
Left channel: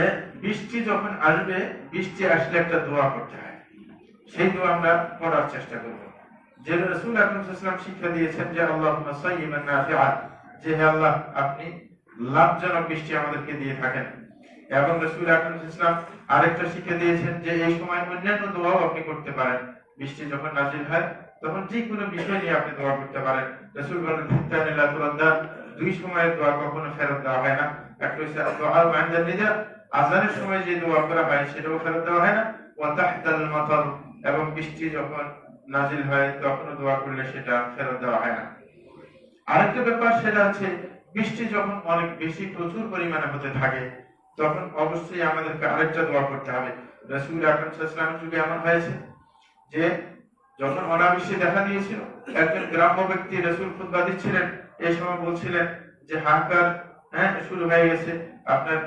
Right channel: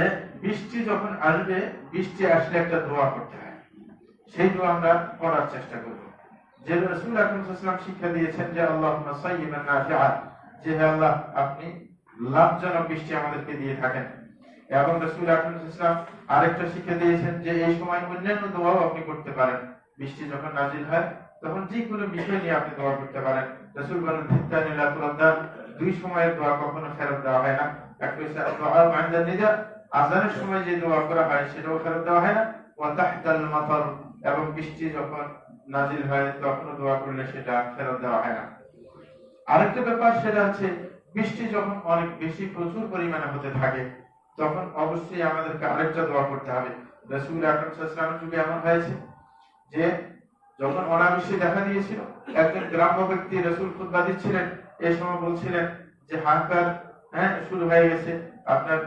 বৃষ্টি যখন আসবে, বৃষ্টি আসলে একটা দোয়া করতে হয়, সেই দোয়া আমরা পড়ার চেষ্টা করব। যে রাসূল আকরাম সাল্লাল্লাহু আলাইহি ওয়াসাল্লাম শিক্ষা দিয়েছেন যে আল্লাহুম্মা সায়্যিবান নাফিআন, যে হে আল্লাহ আপনি লাভজনক বৃষ্টি আমাদেরকে দিয়ে থাকেন। এবং রাসূল আকরাম সাল্লাল্লাহু আলাইহি ওয়াসাল্লাম আরেকটা শিক্ষা দিয়েছেন যে এই সময় অন্যান্য দোয়াও আপনি করতে পারেন। বৃষ্টি যখন নাযিল হয় তখন যে কোনো বিষয় নিয়ে আপনি দোয়া করতে পারেন। রাসূল বলেন, ফিত্তানিল্লাহ তুরাদ্দার, দুই সময়ের দোয়া কখনো ফেরত দেওয়া হয় না। একটা হচ্ছে দোয়া বা'দা নিদা, আযানের সময় যে দোয়া করা হয় সেটাও ফেরত দেওয়া হয় না। ওয়া তাহতাল মাতার, এবং বৃষ্টি যখন নাযিল হয় তখন দোয়া করলে সেটা ফেরত দেওয়া হয় না। আরেকটা ব্যাপার সেটা হচ্ছে বৃষ্টি যখন অনেক বেশি প্রচুর পরিমাণে হতে থাকে তখন অবশ্যই আমাদেরকে আরেকটা দোয়া করতে হবে। রাসূল আকরাম সাল্লাল্লাহু আলাইহি ওয়াসাল্লামের যুগে এমন হয়েছে যে যখন অনাবৃষ্টি দেখা দিয়েছিল, একজন গ্রাম্য ব্যক্তি রাসূল খুতবা দিচ্ছিলেন, এই সময় বলছিলেন যে হাহাকার শুরু হয়ে গেছে, আপনার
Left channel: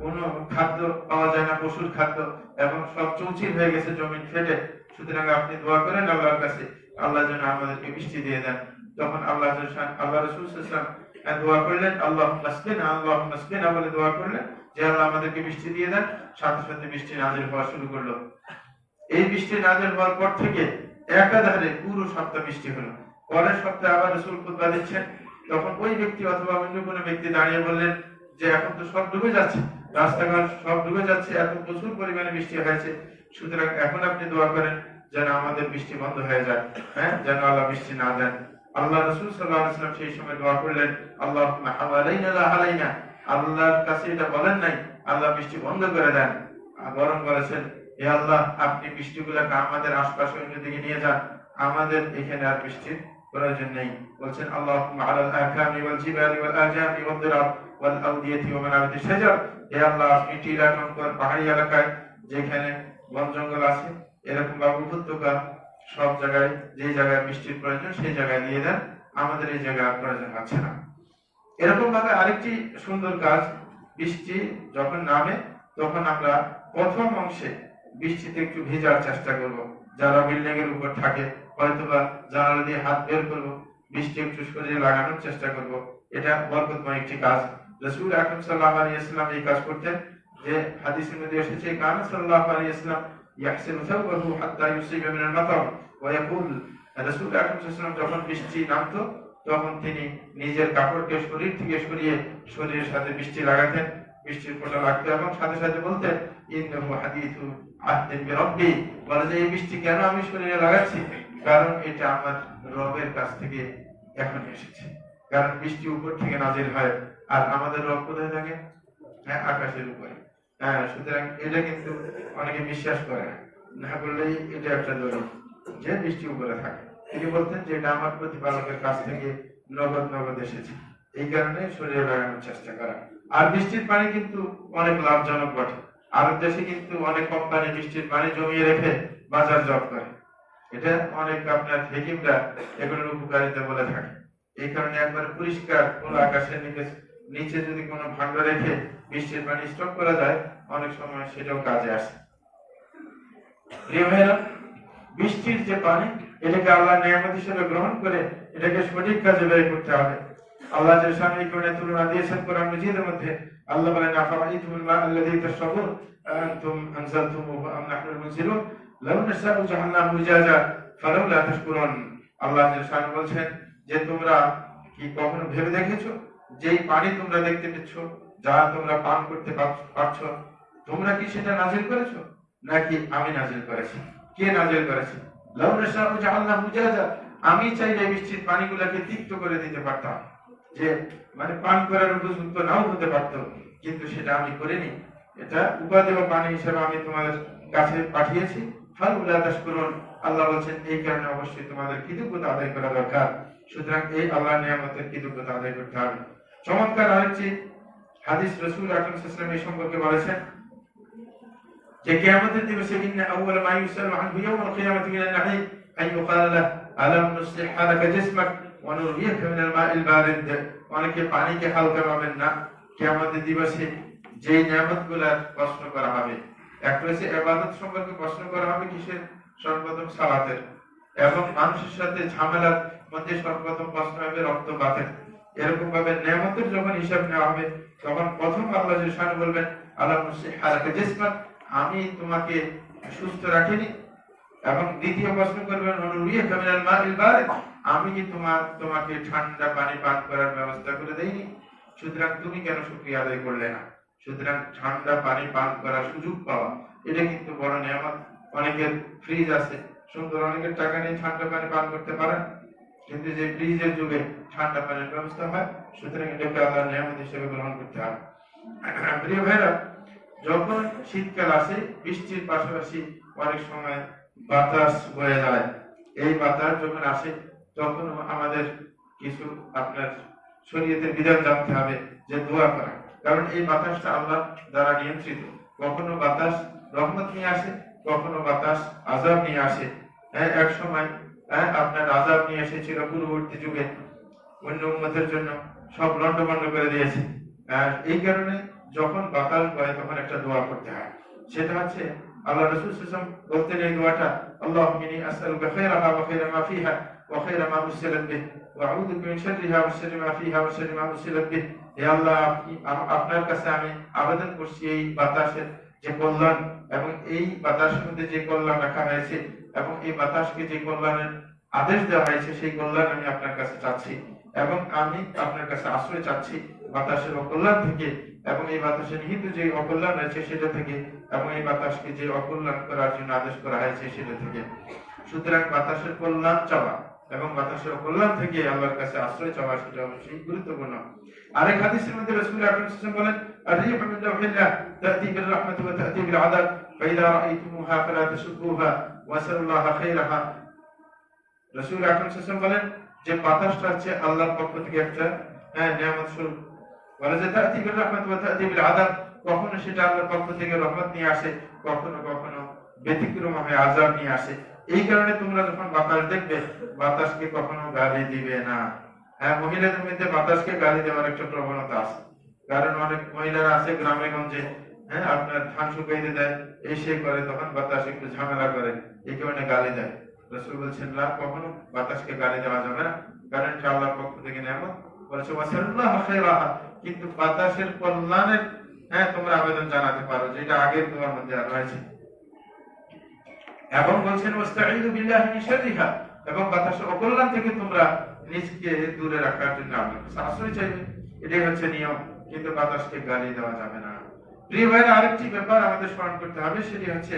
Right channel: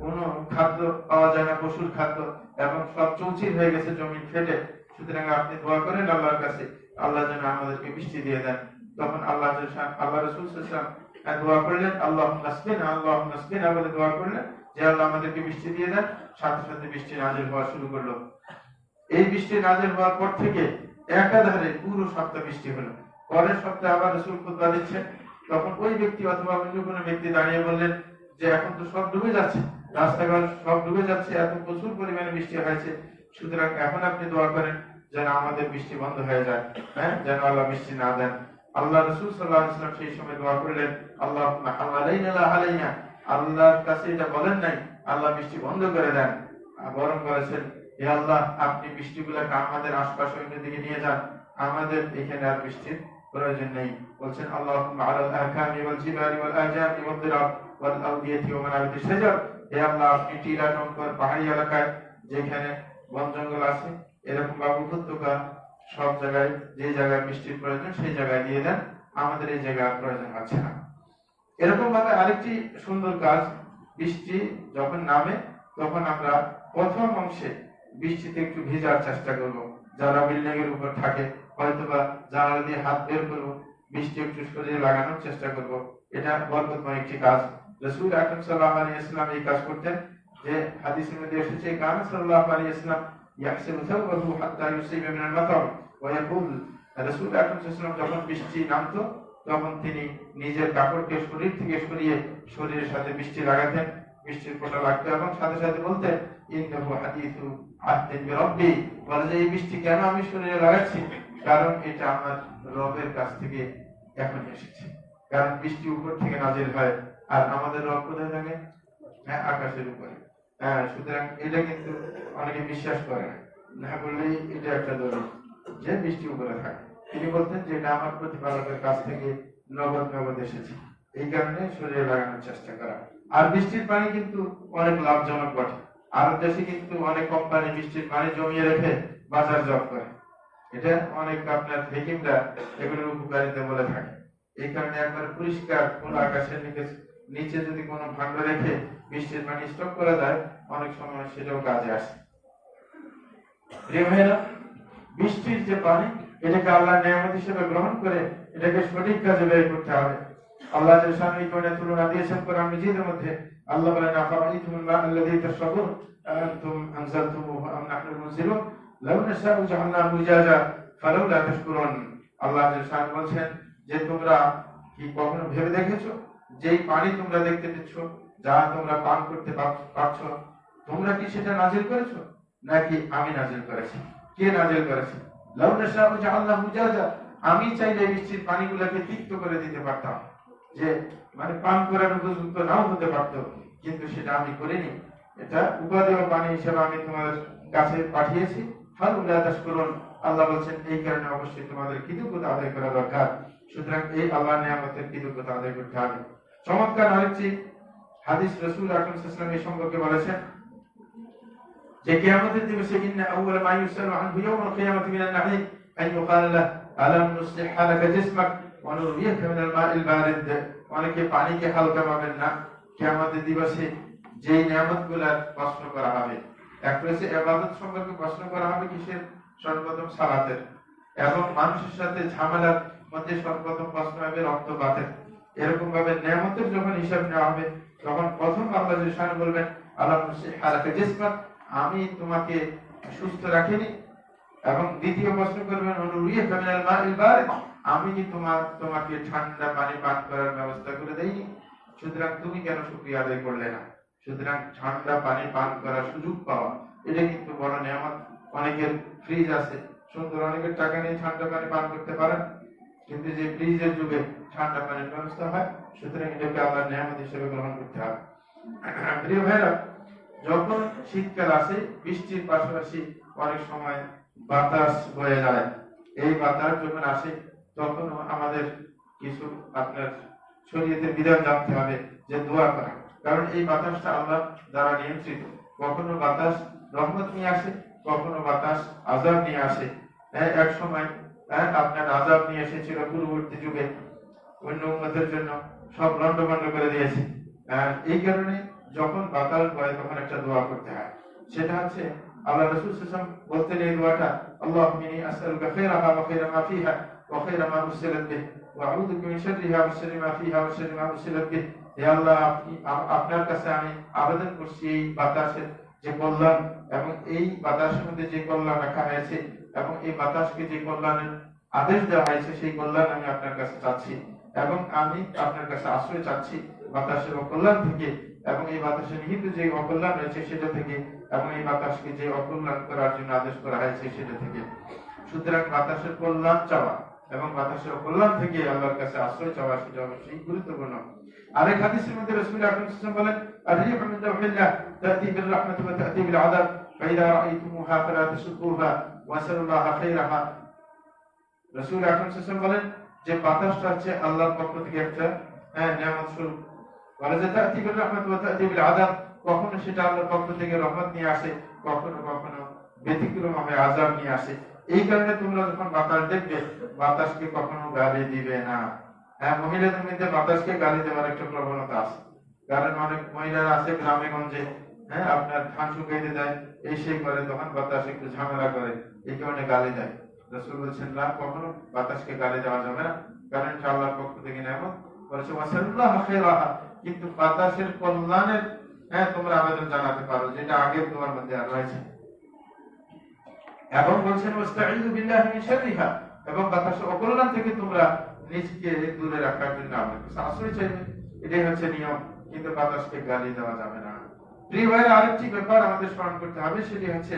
কোনো খাদ্য পাওয়া যায় না, পশুর খাদ্য, এবং সব চৌচির হয়ে গেছে জমিন ফেটে। সুতরাং আপনি দোয়া করেন আল্লাহর কাছে, আল্লাহ যেন আমাদেরকে বৃষ্টি দিয়ে দেন। তখন আল্লাহ রাসূল সাল্লাল্লাহু আলাইহি ওয়াসাল্লাম দোয়া করলেন, আল্লাহুম্মা আসকিনা, আল্লাহুম্মা আসকিনা বলে দোয়া করলেন যে আল্লাহ আমাদেরকে বৃষ্টি দিয়ে দেন। সাথে সাথে বৃষ্টি নাযিল হওয়া শুরু করলো। এই বৃষ্টি নাযিল হওয়ার পর থেকে একাধারে পুরো সপ্তাহ বৃষ্টি হলো। পরের সপ্তাহে আবার রাসূল খুতবা দিচ্ছেন, তখন ওই ব্যক্তি অথবা অন্য কোনো ব্যক্তি দাঁড়িয়ে বললেন যে এখন তো সব ডুবে যাচ্ছে, রাস্তাঘাট সব ডুবে যাচ্ছে, এত প্রচুর পরিমাণে বৃষ্টি হয়েছে, সুতরাং এখন আপনি দোয়া করেন যেন আমাদের বৃষ্টি বন্ধ হয়ে যায়, যেন আল্লাহ বৃষ্টি না দেন। আল্লাহ রাসূল সাল্লাল্লাহু আলাইহি ওয়াসাল্লাম সেই সময় দোয়া করলেন, আল্লাহুম্মা হাওয়ালাইনা লা আলাইনা, আল্লাহর কাছে এটা বলেন নাই আল্লাহ বৃষ্টি বন্ধ করে দেন, বরং বলেছেন হে আল্লাহ আপনি বৃষ্টিগুলোকে আমাদের আশপাশ অন্য দিকে নিয়ে যান, আমাদের এখানে আর বৃষ্টির প্রয়োজন নেই। বলছেন আল্লাহুম্মা আলাল আকামি ওয়াল জিবালি ওয়াল আজামি ওয়াদ দিরাব ওয়াল আওদিয়াতি ওয়া মানাবিতিশ শাজার হে আল্লাহ আপনি টিলা টঙ্কর পাহাড়ি এলাকায় যেখানে বন জঙ্গল আছে এরকম বা উপত্যকা সব জায়গায় যে জায়গায় বৃষ্টির প্রয়োজন সেই জায়গায় দিয়ে দেন, আমাদের এই জায়গায় প্রয়োজন আছে না। এরকম ভাবে আরেকটি সুন্দর কাজ, বৃষ্টি যখন নামে তখন আমরা প্রথম অংশে বৃষ্টিতে একটু ভেজার চেষ্টা করব। যারা বিল্ডিং এর উপর থাকে হয়তোবা জানালা দিয়ে হাত বের করবো, বৃষ্টি একটু শরীরে লাগানোর চেষ্টা করব। এটা বরকতময় একটি কাজ। রাসূল আকরাম সাল্লাল্লাহু আলাইহি ওয়াসাল্লাম এই কাজ করতেন, যে হাদিসের মধ্যে এসেছে কানা সাল্লাল্লাহু আলাইহি ওয়াসাল্লাম ইয়াহসিনু সাওবাহু হাত্তা ইউসিবা মিনাল মাতার ওয়া ইয়াকুল, রাসূল আকরাম সাল্লাল্লাহু আলাইহি ওয়াসাল্লাম যখন বৃষ্টি নামতো তখন তিনি নিজের কাপড়কে শরীর থেকে সরিয়ে শরীরের সাথে বৃষ্টি লাগাতেন, বৃষ্টির ফোঁটা লাগতো এবং সাথে সাথে বলতেন ইন্নাহু হাদিসু আহদিন বিরাব্বি, বলে যে এই বৃষ্টি কেন আমি শরীরে লাগাচ্ছি, কারণ এটা আমার রবের কাছ থেকে এখন এসেছে। কারণ বৃষ্টি উপর থেকে নাজিল হয় আর আমাদের রব কোথায় থাকে? হ্যাঁ, আকাশের উপরে। হ্যাঁ, সুতরাং এটা কিন্তু অনেকে বিশ্বাস করে না বললেই এটা একটা দলিল যে বৃষ্টি উপরে থাকে। তিনি বলতেন যে এটা আমার প্রতিপালকের কাছ থেকে নগদ নগদ এসেছে, এই কারণে শরীরে লাগানোর চেষ্টা করা। আর বৃষ্টির পানি কিন্তু অনেক লাভজনক বটে। আরব দেশে কিন্তু অনেক কোম্পানি বৃষ্টির পানি জমিয়ে রেখে বাজারজাত করে। এটা অনেক আপনার হেকিমরা এগুলোর উপকারিতা বলে থাকে। এই কারণে একবার পরিষ্কার খোলা আকাশের নিচে যদি কোনো ভাণ্ড রেখে বৃষ্টির পানি স্টক করা যায়, অনেক সময় সেটাও কাজে আসে। প্রিয় ভাইরা, বৃষ্টির যে পানি এটাকে আল্লাহ নিয়ামত হিসেবে গ্রহণ করে এটাকে সঠিক কাজে ব্যয় করতে হবে। আল্লাহ যে সামনে কোণে তুলনা দিয়েছেন কোরআন মাজিদের মধ্যে, আল্লাহ বলেন আফারাইতুমুল মা আল্লাযী তাশরাবুন আনতুম আনজালতুমুহু আম নাহনুল মুনজিলুন লাউ নাশাউ জাআলনাহু উজাজা ফালাউলা তাশকুরুন। আল্লাহ যে বলছেন যে তোমরা কি কখনো ভেবে দেখেছো যেই পানি তোমরা দেখতে পাচ্ছ, যা তোমরা পান করতে পারছো, তোমরা কি সেটা নাজিল করেছো নাকি আমি নাজিল করেছি? কে নাজিল করেছে? লাউ নাশাউ জাআলনাহু উজাজা, আমি চাইলে বৃষ্টির পানিগুলোকে তিক্ত করে দিতে পারতাম, যে মানে পান করার উপযুক্ত নাও হতে পারত, কিন্তু সেটা আমি করিনি। এটা উপাদেয় পানি হিসেবে আমি তোমাদের কাছে পাঠিয়েছি। ফালাউলা তাশকুরুন, আল্লাহ বলেন এই কারণে অবশ্যই তোমাদের কৃতজ্ঞতা আদায় করা দরকার। সুতরাং এই আল্লাহর নিয়ামতের কৃতজ্ঞতা আদায় করতে হবে। চমৎকার আরেকটি হাদিস রাসূল আকরাম সাল্লাল্লাহু আলাইহি ওয়াসাল্লাম এই সম্পর্কে বলেছেন যে কিয়ামতের দিবসে ইন্না আউওয়ালা মা ইউসালু আনহু ইয়াওমাল কিয়ামাতি মিনান নাঈম আন ইউকালা লাহু আলাম নুসলিহা লাকা জিসমাক ওয়া নুরইয়াকা মিনাল মাইল বারিদ। অনেকে পানিকে হালকা পাবেন না। কিয়ামতের দিবসে যে নিয়ামতগুলোর প্রশ্ন করা হবে, এক হচ্ছে ইবাদত সম্পর্কে প্রশ্ন করা হবে, কিসের? সর্বপ্রথম সালাতের। এবং মানুষের সাথে ঝামেলার মধ্যে সর্বপ্রথম প্রশ্ন হবে রক্তপাতের। এরকম ভাবে নিয়ামতের যখন হিসাব নেওয়া হবে তখন প্রথম আল্লাহ সুবহানাহু বলবেন আলাম নুসলিহা লাকা জিসমাক, আমি তোমাকে সুস্থ রাখিনি। এবং দ্বিতীয় প্রশ্ন করবেন অনুরিয়াকা মিনাল মাইল বারিদ, আমি কি তোমাকে ঠান্ডা পানি পান করার ব্যবস্থা করে দেইনি? সুতরাং তুমি কেন শুকরিয়া আদায় করলে না? সুতরাং ঠান্ডা পানি পান করার সুযোগ পাওয়া এটা কিন্তু বড় নিয়ামত। অনেকের ফ্রিজ আছে, সুন্দর, অনেকের টাকা নিয়ে ঠান্ডা পানি পান করতে পারেন, কিন্তু যে ফ্রিজের যুগে ঠান্ডা পানির ব্যবস্থা হয়, সুতরাং এটাকে আল্লাহর নিয়ামত হিসেবে গ্রহণ করতে হবে। প্রিয় ভাইরা, যখন শীতকাল আসে বৃষ্টির পাশাপাশি অনেক সময় বাতাস বয়ে যায়। এই বাতাস যখন আসে তখন আমাদের কিছু আপনার শরীয়তের বিধান জানতে হবে, যে দোয়া করা। কারণ এই বাতাসটা আল্লাহ দ্বারা নিয়ন্ত্রিত। কখনো বাতাস রহমত নিয়ে আসে, কখনো বাতাস আযাব নিয়ে আসে। এক সময় আপনার আযাব নিয়ে এসেছিল পূর্ববর্তী যুগে, অন্য উম্মতের জন্য সব লন্ডভন্ড করে দিয়েছে। এই কারণে যখন বাতাস বয় তখন একটা দোয়া করতে হয়, সেটা হচ্ছে আল্লাহ রাসূল সাল্লাল্লাহু আলাইহি ওয়াসাল্লাম বলতেন এই দোয়াটা, আল্লাহুম্মা ইন্নী আসআলুকা খায়রাহা ওয়া খায়রা মা ফিহা ওয়া খায়রা মা উরসিলাত বিহি ওয়া আউযু বিকা মিন শাররিহা ওয়া শাররি মা ফিহা ওয়া শাররি মা উরসিলাত বিহি। হে আল্লাহ, আপনার কাছে আমি আবেদন করছি এই বাতাসের যে কল্যাণ এবং এই বাতাসের মধ্যে যে কল্যাণ রাখা হয়েছে এবং এই বাতাসকে যে কল্যাণের আদেশ দেওয়া হয়েছে সেই কল্যাণ আমি আপনার কাছে চাচ্ছি, এবং আমি আপনার কাছে আশ্রয় চাচ্ছি বাতাসের অকল্যাণ থেকে, এবং এই বাতাসে নিহিত যে অকল্যাণ রয়েছে সেটা থেকে, এবং এই বাতাসকে যে অকল্যাণ করার জন্য আদেশ করা হয়েছে সেটা থেকে। সুতরাং বাতাসের কল্যাণ চাওয়া এবং বাতাসের অকল্যাণ থেকে আল্লাহর কাছে আশ্রয় চাওয়া সেটা অবশ্যই গুরুত্বপূর্ণ। আরেক হাদিসের মধ্যে রাসূল আকরাম সাল্লাল্লাহু আলাইহি ওয়াসাল্লাম বলেন আর-রিহু মিন রাহিল্লাহ তা'তি বির রাহমাতি ওয়া তা'তি বিল আযাব ফাইদা রাআইতুমুহা ফালা তাসুকুহা ওয়া সাল্লাল্লাহু খায়রাহা। রাসূল আকরাম সাল্লাল্লাহু আলাইহি ওয়াসাল্লাম বলেন যে বাতাসটা হচ্ছে আল্লাহর পক্ষ থেকে একটা নিয়ামত স্বরূপ। ওয়ালা তা'তি বির রাহমাতি ওয়া তা'তি বিল আযাব, কখনো সেটা আল্লাহর পক্ষ থেকে রহমত নিয়ে আসে, কখনো কখনো ব্যতিক্রম হয়ে আযাব নিয়ে আসে। এই কারণে তোমরা যখন বাতাস দেখবে, বাতাসকে কখনো গালি দিবে না। হ্যাঁ, মহিলাদের মধ্যে বাতাসকে গালি দেওয়ার একটা প্রবণতা আছে। কারণ অনেক মহিলারা আছে গ্রামে গঞ্জে, হ্যাঁ, আপনার ধান শুকাইতে দেয়, এই সেই করে, তখন বাতাস একটু ঝামেলা করে, এই কারণে গালি দেয়। রাসূল বলছেন না, কখনো বাতাসকে গালি দেওয়া যাবে না, কারণ এটা আল্লাহর পক্ষ থেকে নিয়ামত। বলছে ওয়াসাল্লাহু খায়রাহা, কিন্তু বাতাসের কল্যাণের, হ্যাঁ, তোমরা আবেদন জানাতে পারো, যেটা আগের দোয়ার মধ্যে রয়েছে। এবং বলছেন ওয়াস্তাঈযু বিল্লাহি মিন শাররিহা, এবং বাতাসের অকল্যাণ থেকে তোমরা নিজকে দূরে রাখার জন্য আল্লাহর কাছে আশ্রয় চাইবে। এটাই হচ্ছে নিয়ম, কিন্তু বাতাসকে গালি দেওয়া যাবে না। প্রিয় ভাইরা, আরেকটি ব্যাপার আমাদের স্মরণ করতে হবে, সেটি হচ্ছে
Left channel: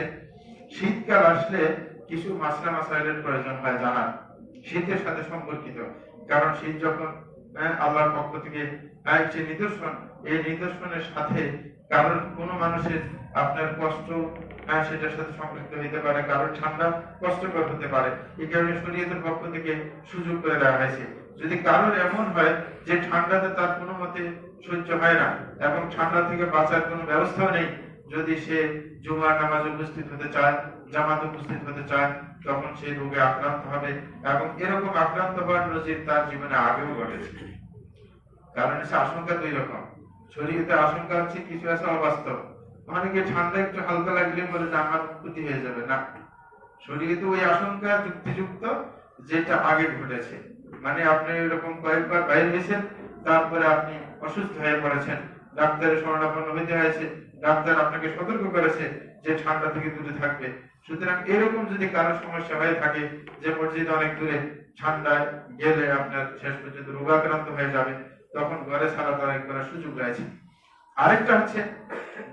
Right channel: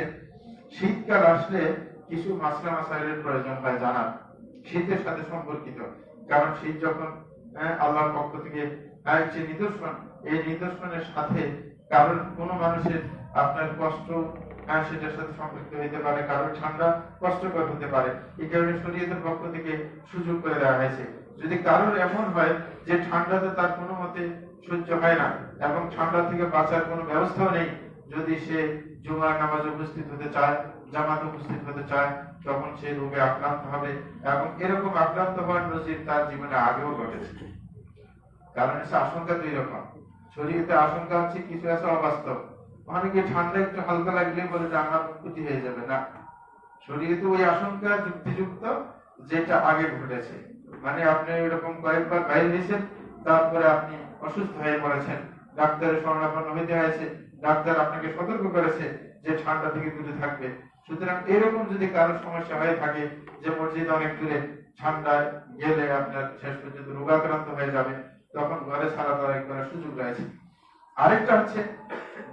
শীতকাল আসলে কিছু মাসলা মাসাইলের প্রয়োজন হয় জানার, শীতের সাথে সম্পর্কিত। কারণ শীত যখন, আল্লাহর পক্ষ থেকে একটি নিদর্শন, এই নিদর্শনের সাথে কারণ কোনো মানুষের আপনার কষ্ট, সেটার সাথে সম্পৃক্ত হতে পারে, কারণ ঠান্ডা কষ্টকর হতে পারে। এই কারণে শরীয়তের পক্ষ থেকে সুযোগ করে দেওয়া হয়েছে, যদি কারোর এমন হয় যে ঠান্ডাতে তার কোনো মতে সহ্য হয় না এবং ঠান্ডা থেকে বাঁচার কোনো ব্যবস্থাও নেই, যদি সে জুমার নামাজে উপস্থিত হতে চায়, জামাতে উপস্থিত হতে চায়, তখন সে রোগে আক্রান্ত হবে। এবং এরকম আক্রান্ত হওয়ার নজির তার জীবনে আগেও ঘটেছে। কারণ সে আশঙ্কা দুই রকম, শরীরে আশঙ্কা হচ্ছে কিছু আছে অবাস্তব, অনেকে ঠান্ডা একটু হালকা লাগলে বলে যে আমার ক্ষতি হয়ে যাবে, না, শরীরে তো ওই আশঙ্কা যুক্তিযুক্ত যেটা আগে ঘটেছে। মানে আপনি এরকম কয়েকবার বাইরে গেছেন, তারপরে আপনি অসুস্থ হয়ে পড়েছেন, ডাক্তারের শরণাপন্ন হইতে হয়েছে, ডাক্তার আপনাকে সতর্ক করেছে যে ঠান্ডা থেকে দূরে থাকবে। সুতরাং এরকম যদি কারো সমস্যা হয়ে থাকে যে মসজিদ অনেক দূরে, ঠান্ডায় গেলে আপনার শেষ পর্যন্ত রোগাক্রান্ত হয়ে যাবে, তখন ঘরে সালাত আদায় করার সুযোগ রয়েছে। আরেকটা হচ্ছে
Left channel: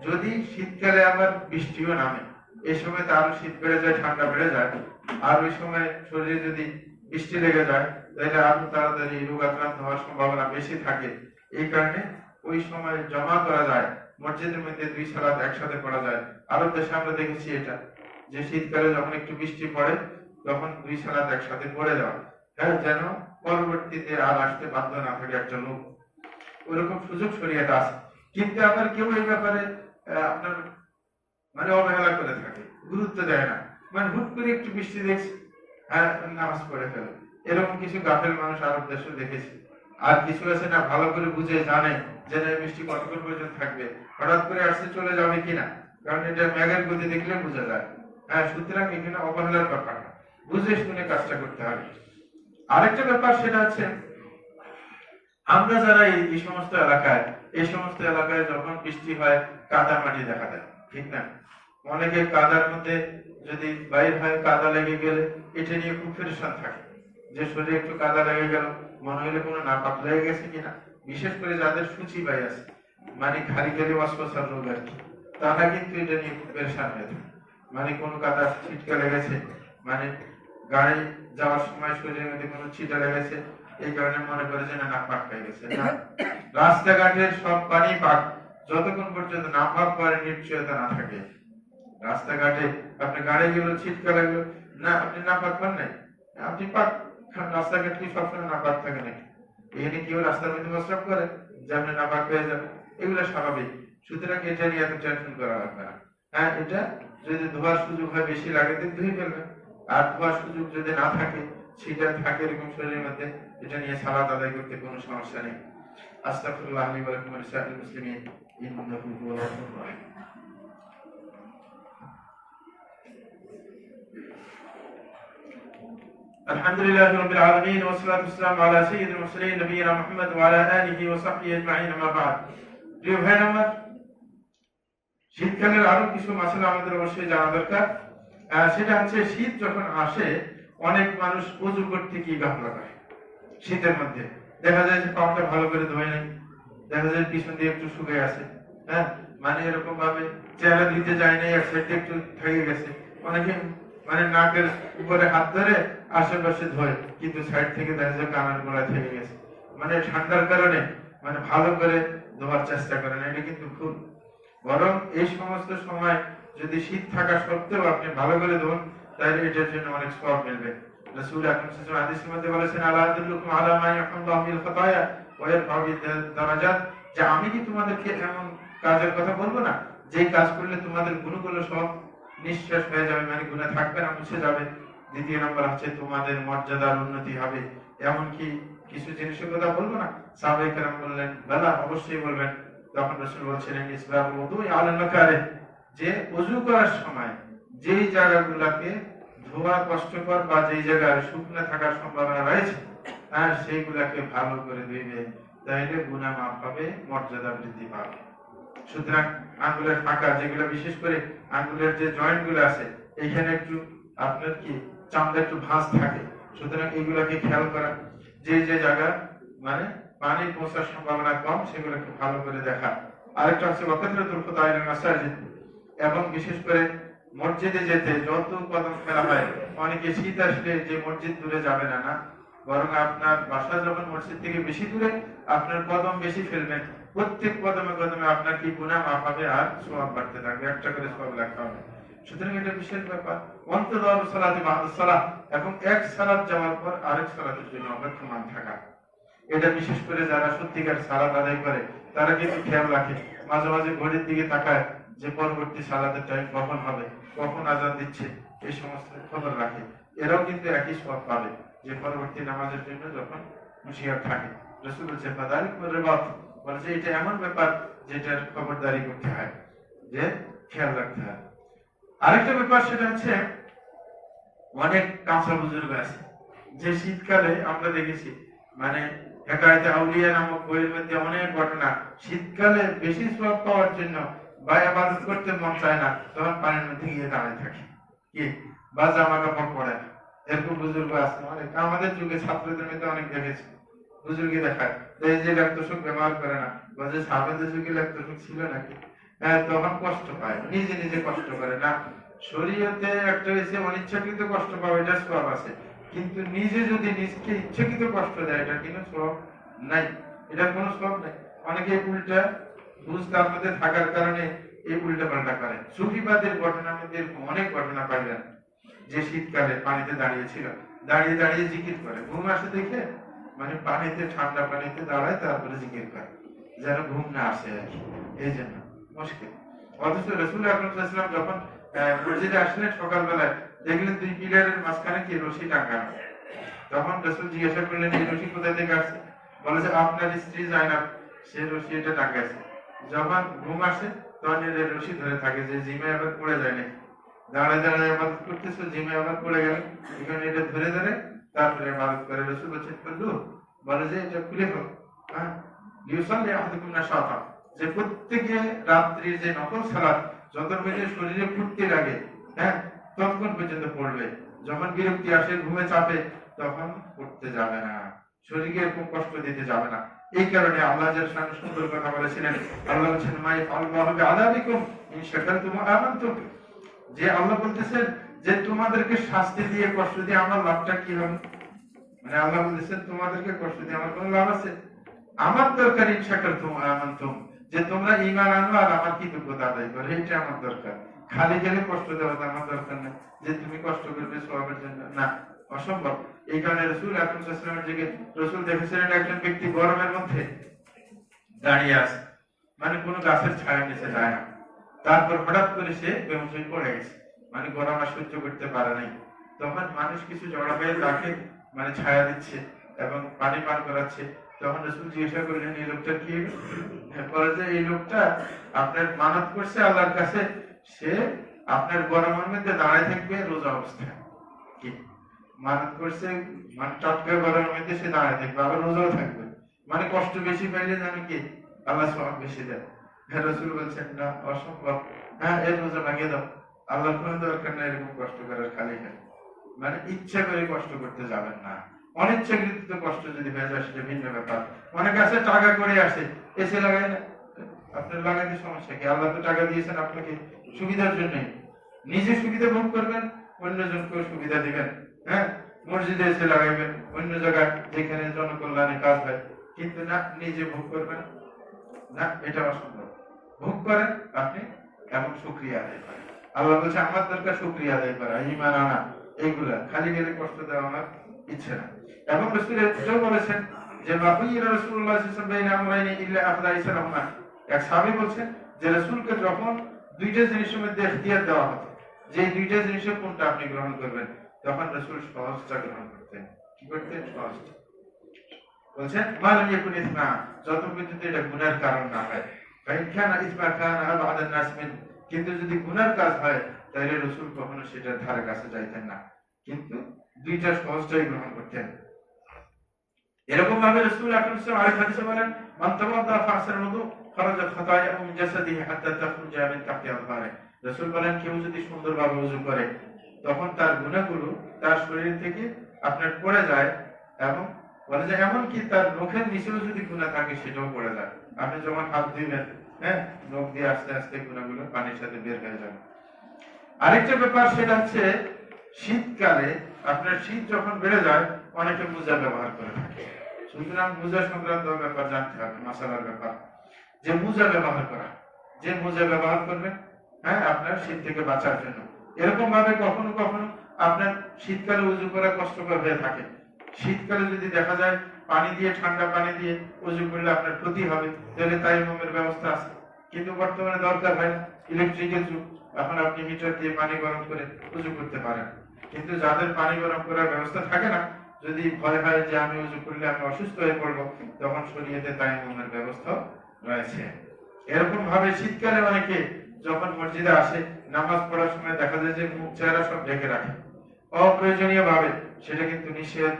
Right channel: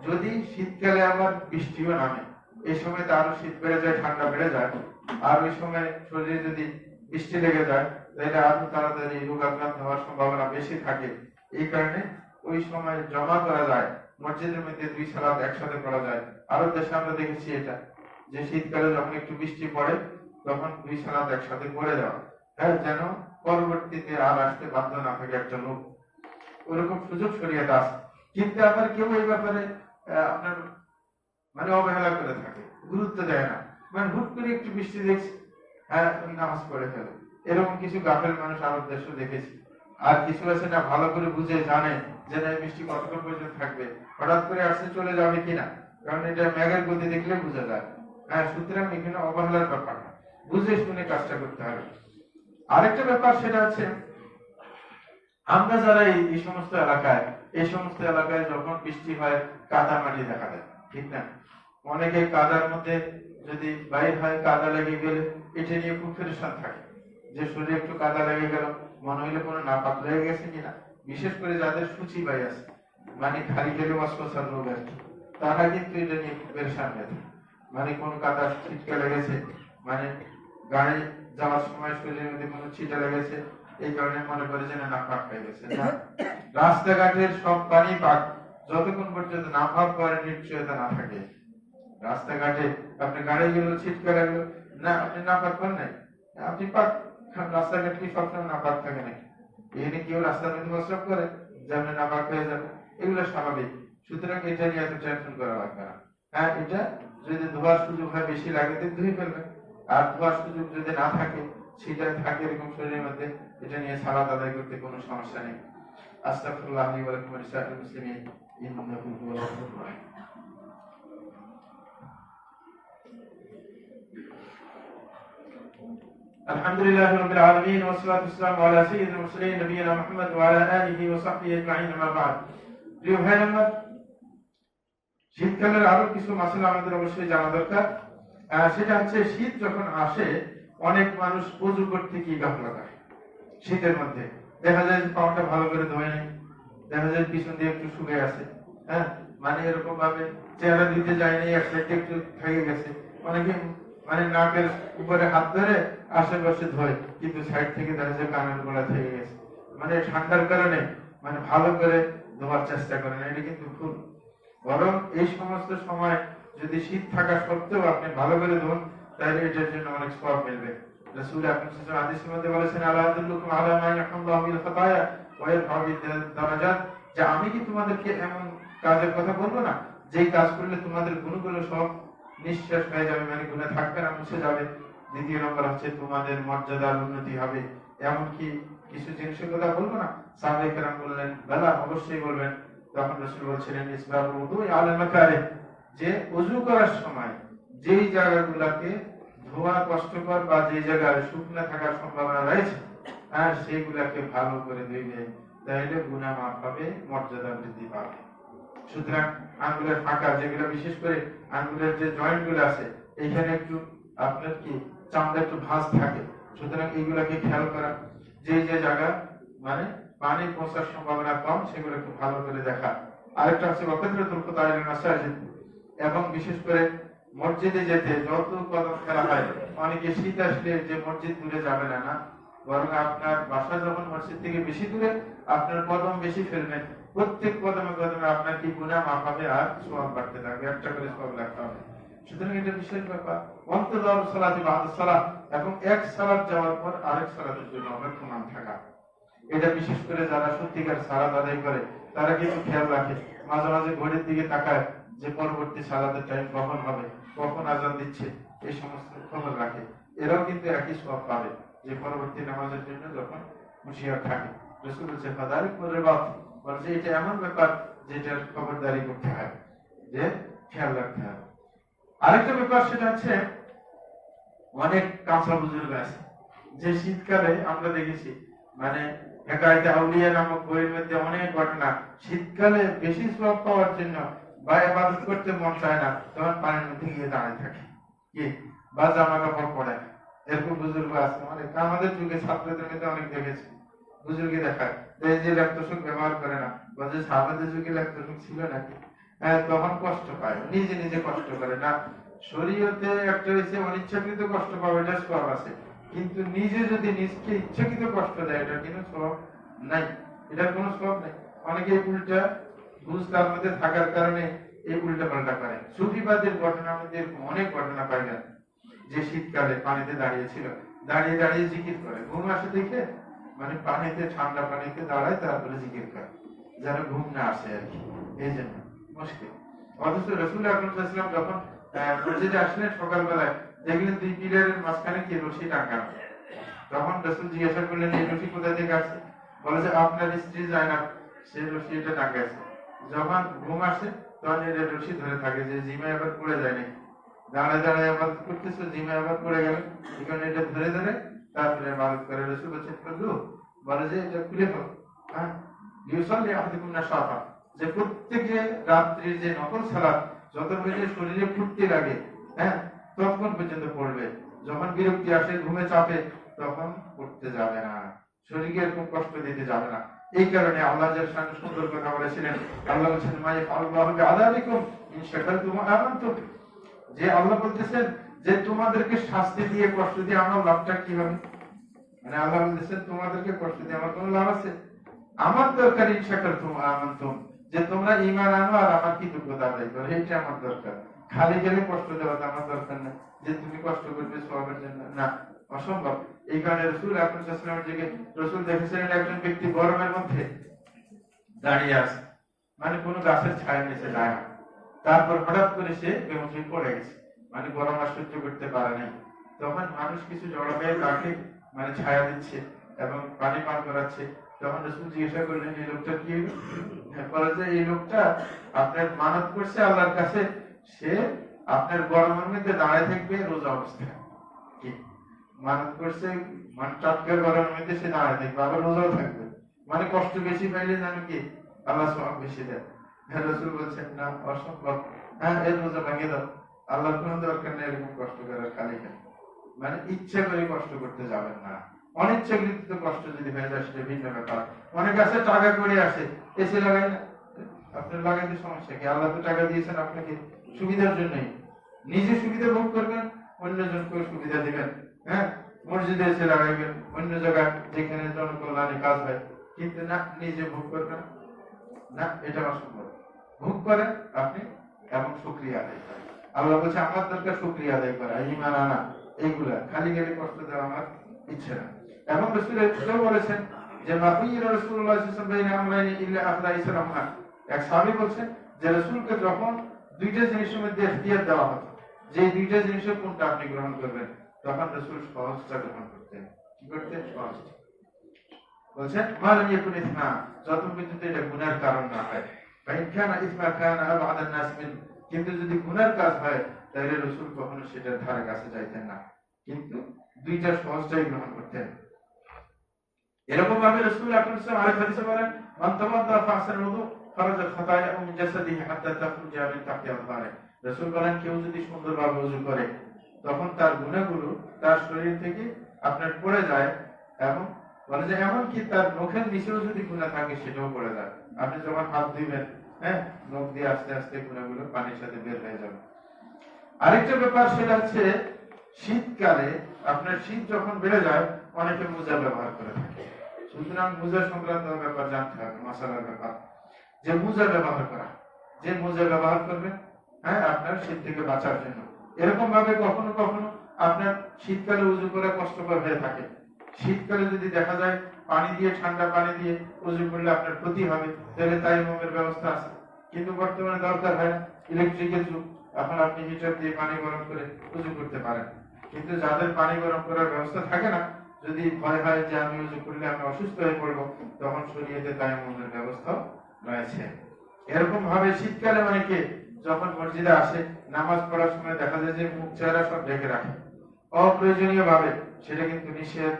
যদি শীতকালে আবার বৃষ্টিও নামে, এই সময় তো আরো শীত বেড়ে যায়, ঠান্ডা বেড়ে যায়, আর ওই সময় শরীরে যদি বৃষ্টি লেগে যায়, তাহলে আরো তাড়াতাড়ি রোগাক্রান্ত হওয়ার সম্ভাবনা বেশি থাকে। এই কারণে ওই সময় জমা করা যায়, মসজিদের মধ্যে দুই সালাত একসাথে পড়া যায়। আরো দেশে আমরা দেখেছি এটা, যে শীতকালে যখন একটু বৃষ্টি পড়ে তখন দুই সালাত একসাথে পড়ে যাওয়া, হ্যাঁ, যেন পরবর্তীতে আর আসতে বাধ্য না থাকে একটা লোক, ওরকম সুযোগ শরীয়তে আছে। কিন্তু আবার কেউ এই ব্যাপারে আপনার মানে অবহেলা করে থাকে, গুরুত্ব দেয় না, মানে হুট করে একটু বৃষ্টি দেখছে, হ্যাঁ, নামাজ পড়ে ফেলে। এরকম কিছু গাফেল মানুষ আরব দেশে দেখেছি। আর কিছু আছে না, ভালো করে বুঝে জানে যে বৃষ্টি কতক্ষণ পর্যন্ত থাকবে, হঠাৎ করে আসতে চলে যাবে কিনা, কারণ এটা মেঘের গতি দেখলে বোঝা যায়। হ্যাঁ, সুতরাং এখানে অবহেলার ব্যাপার না, বুঝে শুনে কাজটা করতে হবে। আরেকটা ব্যাপার সেটা হচ্ছে আমরা যারা এই সমস্ত এলাকায় যখন বৃষ্টি হয় কাদা মাটি দেখা দেয়, ঠিক না? অনেকে কাদার মধ্যে যদি বাইর হয়, কাদা লেগে গেলে এটা নিয়ে খুব পেরেশান থাকে, যে শরীরে একটু কাদা লেগে গেল, মনে হইলে কোনো নাপাক লেগে গেছে কিনা। বিশেষ করে যাদের সূচি বাই আছে, মানে খালি খালি অস্ত্রসার রোগ আর কি, তারা কিন্তু এটা নিয়ে খুব পেরেশান হয়ে থাকে। মানে কোনো কাদা ছিটকা লেগেছে, মানে গাড়ি যাওয়ার সময় শরীরের মধ্যে কোনো ছিটা লেগেছে, এই কারণে মনে করে যে না পাক হয়ে গেছে। না, রাস্তাঘাটের সব পানি পাক, যতক্ষণ পর্যন্ত না পাক করার নিশ্চয়তা না থাকে। রাস্তাঘাটে আপনি গাড়িগুলো ছিটকা লাগলো, না আপনি না পাক পান নাই, আপনি পাক, রাস্তাঘাট কি সবসময় না পাক থাকে নাকি? এখানে কেউ রাস্তার মধ্যে প্রস্রাব করে যে আপনি না পাক হয়ে যাবে, এগুলো স্বাভাবিক। সুতরাং এটা নিয়ে এত টেনশন করা লাগবে না। হ্যাঁ, এটা যদি ধোয়ার সুযোগ হয় বেশি লাগে তো ধুয়ে ফেলবেন, আর ধোয়ার সুযোগ যদি না থাকে, সেটা থাকে এরকম শরীরের মধ্যে, এটা নিয়ে সালাত আদায় করতে কোনো সমস্যা নেই। আস্তাগফিরুল্লাহ লি ওয়া লাকুম ওয়া লিসাইরিল মুসলিমিন ইন্নাহু হুয়াল গফুরুর রাহিম। আলহামদুলিল্লাহি রাব্বিল আলামিন ওয়া সলাতু ওয়াসসালামু আলা সাইয়্যিদিল মুরসালিন নবিয়িনা মুহাম্মদ ওয়া আলা আলিহি ওয়া সাহবিহি আজমাইন, আম্মা বা'দ। প্রিয় ভাইরা আমার, শীতকালের আরো কিছু মাসলা আমাদের অবশ্যই জানা দরকার। সেটা হচ্ছে শীত যখন আসে অনেক মানুষ ওযু করতে কি গাফলা করে। শীতের মধ্যে দেখা যায় যে পাটা ভালো করে ধোয় নাই, দেখা যায় পিছন দিয়ে একটু শুকিয়ে আছে, হ্যাঁ, মানে এরকম ভাবে চেহারা দিতে যায় নাই, এক সাইডে একটু থেকে গেছে। অনেকে মানে নাকের উপরে হাত ধরে আশেপাশে ধোয়, কিন্তু সাইড থেকে দেখা যায় কানের গোড়ায় থেকে গেছে। মানে ঠান্ডার কারণে মানে ভালো করে ধোয়ার চেষ্টা করে না, এটা কিন্তু ভুল। বরং এই সমস্ত সময় যদি শীত থাকা সত্ত্বেও আপনি ভালো করে ধোন, তাহলে এটার জন্য অনেক সওয়াব মিলবে। রাসূল আকরাম সাল্লাল্লাহু আলাইহি ওয়াসাল্লাম হাদিসের মধ্যে বলেছেন, আলা আদুল্লুকুম আলা মা ইয়াহমুল্লাহু বিল খাতায়া ওয়া ইয়ারফা'ু বিদ দারাজাত, যে আমি কি তোমাদেরকে এমন কাজের কথা বলবো না, যেই কাজ করলে তোমাদের গুণগুলো সব নিঃশেষ হয়ে যাবে, মানে গুণে থাকবে না, মুছে যাবে। দ্বিতীয় নম্বর হচ্ছে তোমাদের মর্যাদার উন্নতি হবে। এমনকি কিছু জিনিসের কথা বলবো না, সাহাবায়ে কেরাম বললেন বেলা অবশ্যই বলবেন। তখন রাসূল বলছিলেন ইসবাহুল উযু আলা মাকারিহ, যে ওযু করার সময় যেই জায়গাগুলোকে ধোয়া কষ্টকর বা যেই জায়গায় শুকনো থাকার সম্ভাবনা রয়েছে আর সেইগুলাকে ভালো করে ধুইবে, তাইলে গুনাহ মাফ হবে, মর্যাদা বৃদ্ধি পাবে। সুতরাং আঙ্গুলের ফাঁকা যেগুলো, বিশেষ করে আঙ্গুলের যে জয়েন্ট গুলো আছে, এখানে একটু আপনার কি চামড়া একটু ভাঁজ থাকে, সুতরাং এগুলাকে খেয়াল করা। যে যে জায়গা মানে পানি পৌঁছার সম্ভাবনা কম সেগুলোকে ভালো করে দেখা। আরেকটা হচ্ছে ওয়াকাতরাতুল খুতাইল মাসাজিদ, এবং বিশেষ করে মসজিদে যেতে যত কদম ফেলা হয়, অনেকে শীত আসলে যে মসজিদ দূরে যাবে না, না, বরং আপনার বাসা যখন মসজিদ থেকে বেশি দূরে আপনার কদম বেশি ফেলবেন, প্রত্যেক কদমে কদমে আপনার কি গুনাহ মাফ হবে আর সওয়াব বাড়তে থাকবে, একটা করে সওয়াব লেখা হবে। সুতরাং এটা বিশেষ ব্যাপার। অন্তর সালাতি বাদা সালাত, এবং এক সালাত যাওয়ার পর আরেক সালাতের জন্য অপেক্ষমান থাকা, এটা বিশেষ করে যারা সত্যিকার সালাত আদায় করে তারা কিন্তু খেয়াল রাখে, মাঝে মাঝে ঘড়ির দিকে তাকায় যে পরবর্তী সালাতের টাইম কখন হবে, কখন আজান দিচ্ছে, এই সমস্ত খবর রাখে। এরাও কিন্তু একই সওয়াব পাবে যে পরবর্তী নামাজের জন্য যখন হুঁশিয়ার থাকে। রাসূল বলেছেন ফাদালিক ওয়ারিবাত, বলেছে এটা এমন ব্যাপার যেটার খবরদারি করতে হয়, যে খেয়াল রাখতে হয়। আরেকটা ব্যাপার সেটা হচ্ছে অনেক কাঁচা বুজুর্গ আছে যে শীতকালে আমরা দেখেছি, মানে হেকায়েতে আউলিয়া নামক বইয়ের মধ্যে অনেক ঘটনা, শীতকালে বেশি সওয়াব পাওয়ার জন্য বা ইবাদত করতে মন চায় না, তখন পানির মধ্যে গিয়ে দাঁড়িয়ে থাকে, কি বা জামা কাপড় পরে না। এরকম বুজুর্গ আছে অনেক, আমাদের যুগে ছাত্রদের মধ্যে অনেক দেখেছি। বুজুর্গি দেখায় এই যে ল্যাপটপ ব্যবহার করে না, বা যে সাবেদের যুগে ল্যাপটপ ছিল নাকি, তখন কষ্ট পায়, নিজে নিজে কষ্ট করে না। শরীয়তে একটা হয়েছে অনিচ্ছাকৃত কষ্ট পাওয়া, এটা সওয়াব আছে, কিন্তু নিজে যদি নিজকে ইচ্ছাকৃত কষ্ট দেয় এটা কিন্তু সওয়াব নাই, এটা কোনো সওয়াব নাই। অনেকে উল্টা বুঝ তার মধ্যে থাকার কারণে এই উল্টা পাল্টা করে। সুফিবাদের ঘটনার মধ্যে এরকম অনেক ঘটনা পাইলেন, যে শীতকালে পানিতে দাঁড়িয়েছিল, দাঁড়িয়ে দাঁড়িয়ে জিকির করে, ঘুম আসে দেখে মানে পানিতে, ঠান্ডা পানিতে দাঁড়ায়, তারপরে জিকির করে যেন ঘুম না আসে আর কি, এই জন্য মুশকিল। অথচ রাসূল আকরাম সাল্লাল্লাহু আলাইহি ওয়াসাল্লাম যখন মসজিদে আসলেন সকালবেলায়, দেখলেন দুই পিলারের মাঝখানে কি রশি টাঙানো। তখন রাসূল জিজ্ঞাসা করলেন এই রশি কোথায় থেকে আসছে? বলে যে আপনার স্ত্রী জায়নাব সে রশি এটা টাঙাইছে, যখন ঘুম আসে তখন এর রশি ধরে থাকে, যে জিমে আবার পড়ে যায় নাকি, দাঁড়ায় দাঁড়ায় ইবাদত করতেছে, জিমে আবার পড়ে গেল, এখানে এটা ধরে ধরে তারপরে ইবাদত করে। রাসূল বলেছেন ফজলু, বলে যে এটা খুলে ফেল, হ্যাঁ, ইউসাল্লি আহাদুকুম নাশাতা, যে প্রত্যেকে রাত্রির যে নফল সালাত যতক্ষণ পর্যন্ত শরীরে ফুর্তি লাগে, হ্যাঁ, ততক্ষণ পর্যন্ত পড়বে, যখন বিরক্তি আসে, ঘুমে চাপে, তখন পড়তে যাবে না, শরীরকে এরকম কষ্ট দিতে যাবে না। এই কারণে আল্লাহ জাল্লাহু শাআনহু সুন্দর কথা বলেছিলেন। আল্লাহ বলেছেন মাই আল্লাহু বিআযাবিকুম ইন শাকারতুম ওয়া আমানতুম, যে আল্লাহ বলতেছেন যে তোমাদেরকে শাস্তি দিয়ে কষ্ট দিয়ে আমার লাভটা কি হবে, মানে আল্লাহ বলতেছেন তোমাদেরকে কষ্ট দিয়ে আমার কোনো লাভ আছে? আমার দরকার ইন শাকারতুম ওয়া আমানতুম, যে তোমরা ঈমান আনো আর আমার কৃতজ্ঞতা আদায় করো, এটা আমার দরকার। খালি গেলে কষ্ট দেওয়া আমার দরকার না, যে তুমি কষ্ট করবে সওয়াবের জন্য, না, অসম্ভব। এই কারণে রাসূল আকরাম সাল্লাল্লাহু আলাইহি ওয়াসাল্লামের দিকে রাসূল দেখেছিলেন একজন ব্যক্তি গরমের মধ্যে দাঁড়িয়ে আছে, মানে কোনো গাছের ছায়ার নিচে যায় না, তারপর হঠাৎ করে সে বেহুশ হয়ে পড়ে গেছে, মানে গরম আর সহ্য করতে পারে নাই। তখন মানুষ কিছু জড়াবে তাকে মানে ছায়া দিচ্ছে এবং পানি পান করাচ্ছে। তখন রাসূল জিজ্ঞাসা করলেন এই লোকটা কি? বলে যে এই লোকটা আপনার মানত করছে আল্লাহর কাছে, সে আপনার গরমের মধ্যে দাঁড়ায় থাকবে রোজা অবস্থায়, কি মানত করছে, মানে টাটকা গরমের মধ্যে সে দাঁড়ায় থাকবে, আবার রোজাও থাকবে, মানে কষ্ট বেশি পাইলে জানো কি আল্লাহ সওয়াব বেশি দেয়। রাসূল বলছেন না, অসম্ভব, হ্যাঁ এর রোজা ভাঙিয়ে দাও, আল্লাহর কোনো দরকার নেই এরকম কষ্ট করার, খালি খালি, মানে ইচ্ছা করে কষ্ট করতে যাবেন না। অনিচ্ছাকৃত কষ্ট যদি হয়ে যায় সেটা ভিন্ন ব্যাপার। অনেক আছে টাকা করে আসে, এসে লাগায় না, আপনার লাগাইতে সমস্যা কি? আল্লাহ তো টাকা দিয়েছেন আপনাকে সুবিধার জন্যই, নিজে সুবিধা ভোগ করবেন, অন্যজনকেও সুবিধা দিবেন, হ্যাঁ, মসজিদে এসে লাগাইবেন, অন্য জায়গায় যেখানে জনকল্যাণে কাজ হয়, কিন্তু না নিজে ভোগ করবেন না, এটা অসম্ভব। ভোগ করেন আপনি এবং শুকরিয়া আদায় করেন। আল্লাহ বলছে আমার দরকার শুকরিয়া আদায় করা, ঈমান আনা, এইগুলা খালি গেলে কষ্ট দেওয়া আমার ইচ্ছে না। এবং রাসূল এটাও বলেছেন যে মাকুইরা রাসূলুল্লাহ সাল্লাল্লাহু আলাইহি ওয়াসাল্লাম বাইনা আমরাইনি ইল্লা আহদা ইসলামনা, এক সাহাবী বলছেন যে রাসূলকে যখন দুইটা জিনিসের মধ্যে ইখতিয়ার দেওয়া হতো যে এই দুইটা জিনিসের কোনটা আপনি গ্রহণ করবেন, তখন রাসূল সহজটা গ্রহণ করতেন। কি করতেন? সহজটা। বলছেন মালাম ইয়াকুন ইসমা, যত পর্যন্ত এটা গুনার কারণ না হয়। ফাইন কানা ইসমা কানা আবাদ আন-নাস মিন, কিন্তু যদি গুনার কাজ হয় তাহলে রাসূল কখনো সেটার ধারে কাছে যাইতেন না, কিন্তু দুইটা সহজটাই গ্রহণ করতেন। এরকম ভাবে রাসূল আকরাম সাল্লাল্লাহু আলাইহি ওয়াসাল্লাম আরেক হাদিসে বলেন মান তাওয়াদ্দা ফাহসানাল ওযু খারাজা খাতায়াহু মিন জাসাদিহি হাত্তা তাখরুজা মিন তাহতি আযফারিহি। রাসূল বলেন কেউ যদি সুন্দরভাবে ওযু করে তখন তার গুনাহগুলো তার শরীর থেকে আপনার পড়ে যায়, এবং বলে যে এমন কি তার নখের নিচেও যদি গুনাহ থাকে সেটাও পড়ে যায়। আপনি যখন হাত দিবেন, হ্যাঁ, নখ দিয়ে আস্তে আস্তে গুনাহগুলো পানির সাথে বের হয়ে যাবে। আরেকটা ব্যাপার সেটা হচ্ছে শীতকালে আপনার শীত যখন বেড়ে যায় অনেকে মোজা ব্যবহার করে থাকে। সুতরাং মোজা সংক্রান্ত ব্যাপার জানতে হবে, মাসালার ব্যাপার, যে মোজা ব্যবহার করা, যে মোজা ব্যবহার করবেন, হ্যাঁ, আপনার শীত থেকে বাঁচার জন্য। এরকম ভাবে কখনো কখনো আপনার শীতকালে উজু করা কষ্টকর হয়ে থাকে। শীতকালে যদি দেখা যায় পানি দিয়ে, ঠান্ডা পানি দিয়ে উজু করলে আপনার ক্ষতি হবে, তাহলে তাইমুমের ব্যবস্থা আছে। কিন্তু বর্তমানে দরকার হয় না, ইলেকট্রিকের যুগ, এখন আপনি হিটার দিয়ে পানি গরম করে উজু করতে পারেন। কিন্তু যাদের পানি গরম করার ব্যবস্থা থাকে না, যদি ভয় হয় যে আমি উজু করলে আমি অসুস্থ হয়ে পড়বো, তখন শরীয়তে তায়াম্মুমের ব্যবস্থা রয়েছে। এরকম ভাবে শীতকালে অনেকে যখন মসজিদে আসে নামাজ পড়ার সময় দেখা যায় যে মুখ চেহারা সব ঢেকে রাখে অপ্রয়োজনীয় ভাবে, সেটা কিন্তু নিষেধ।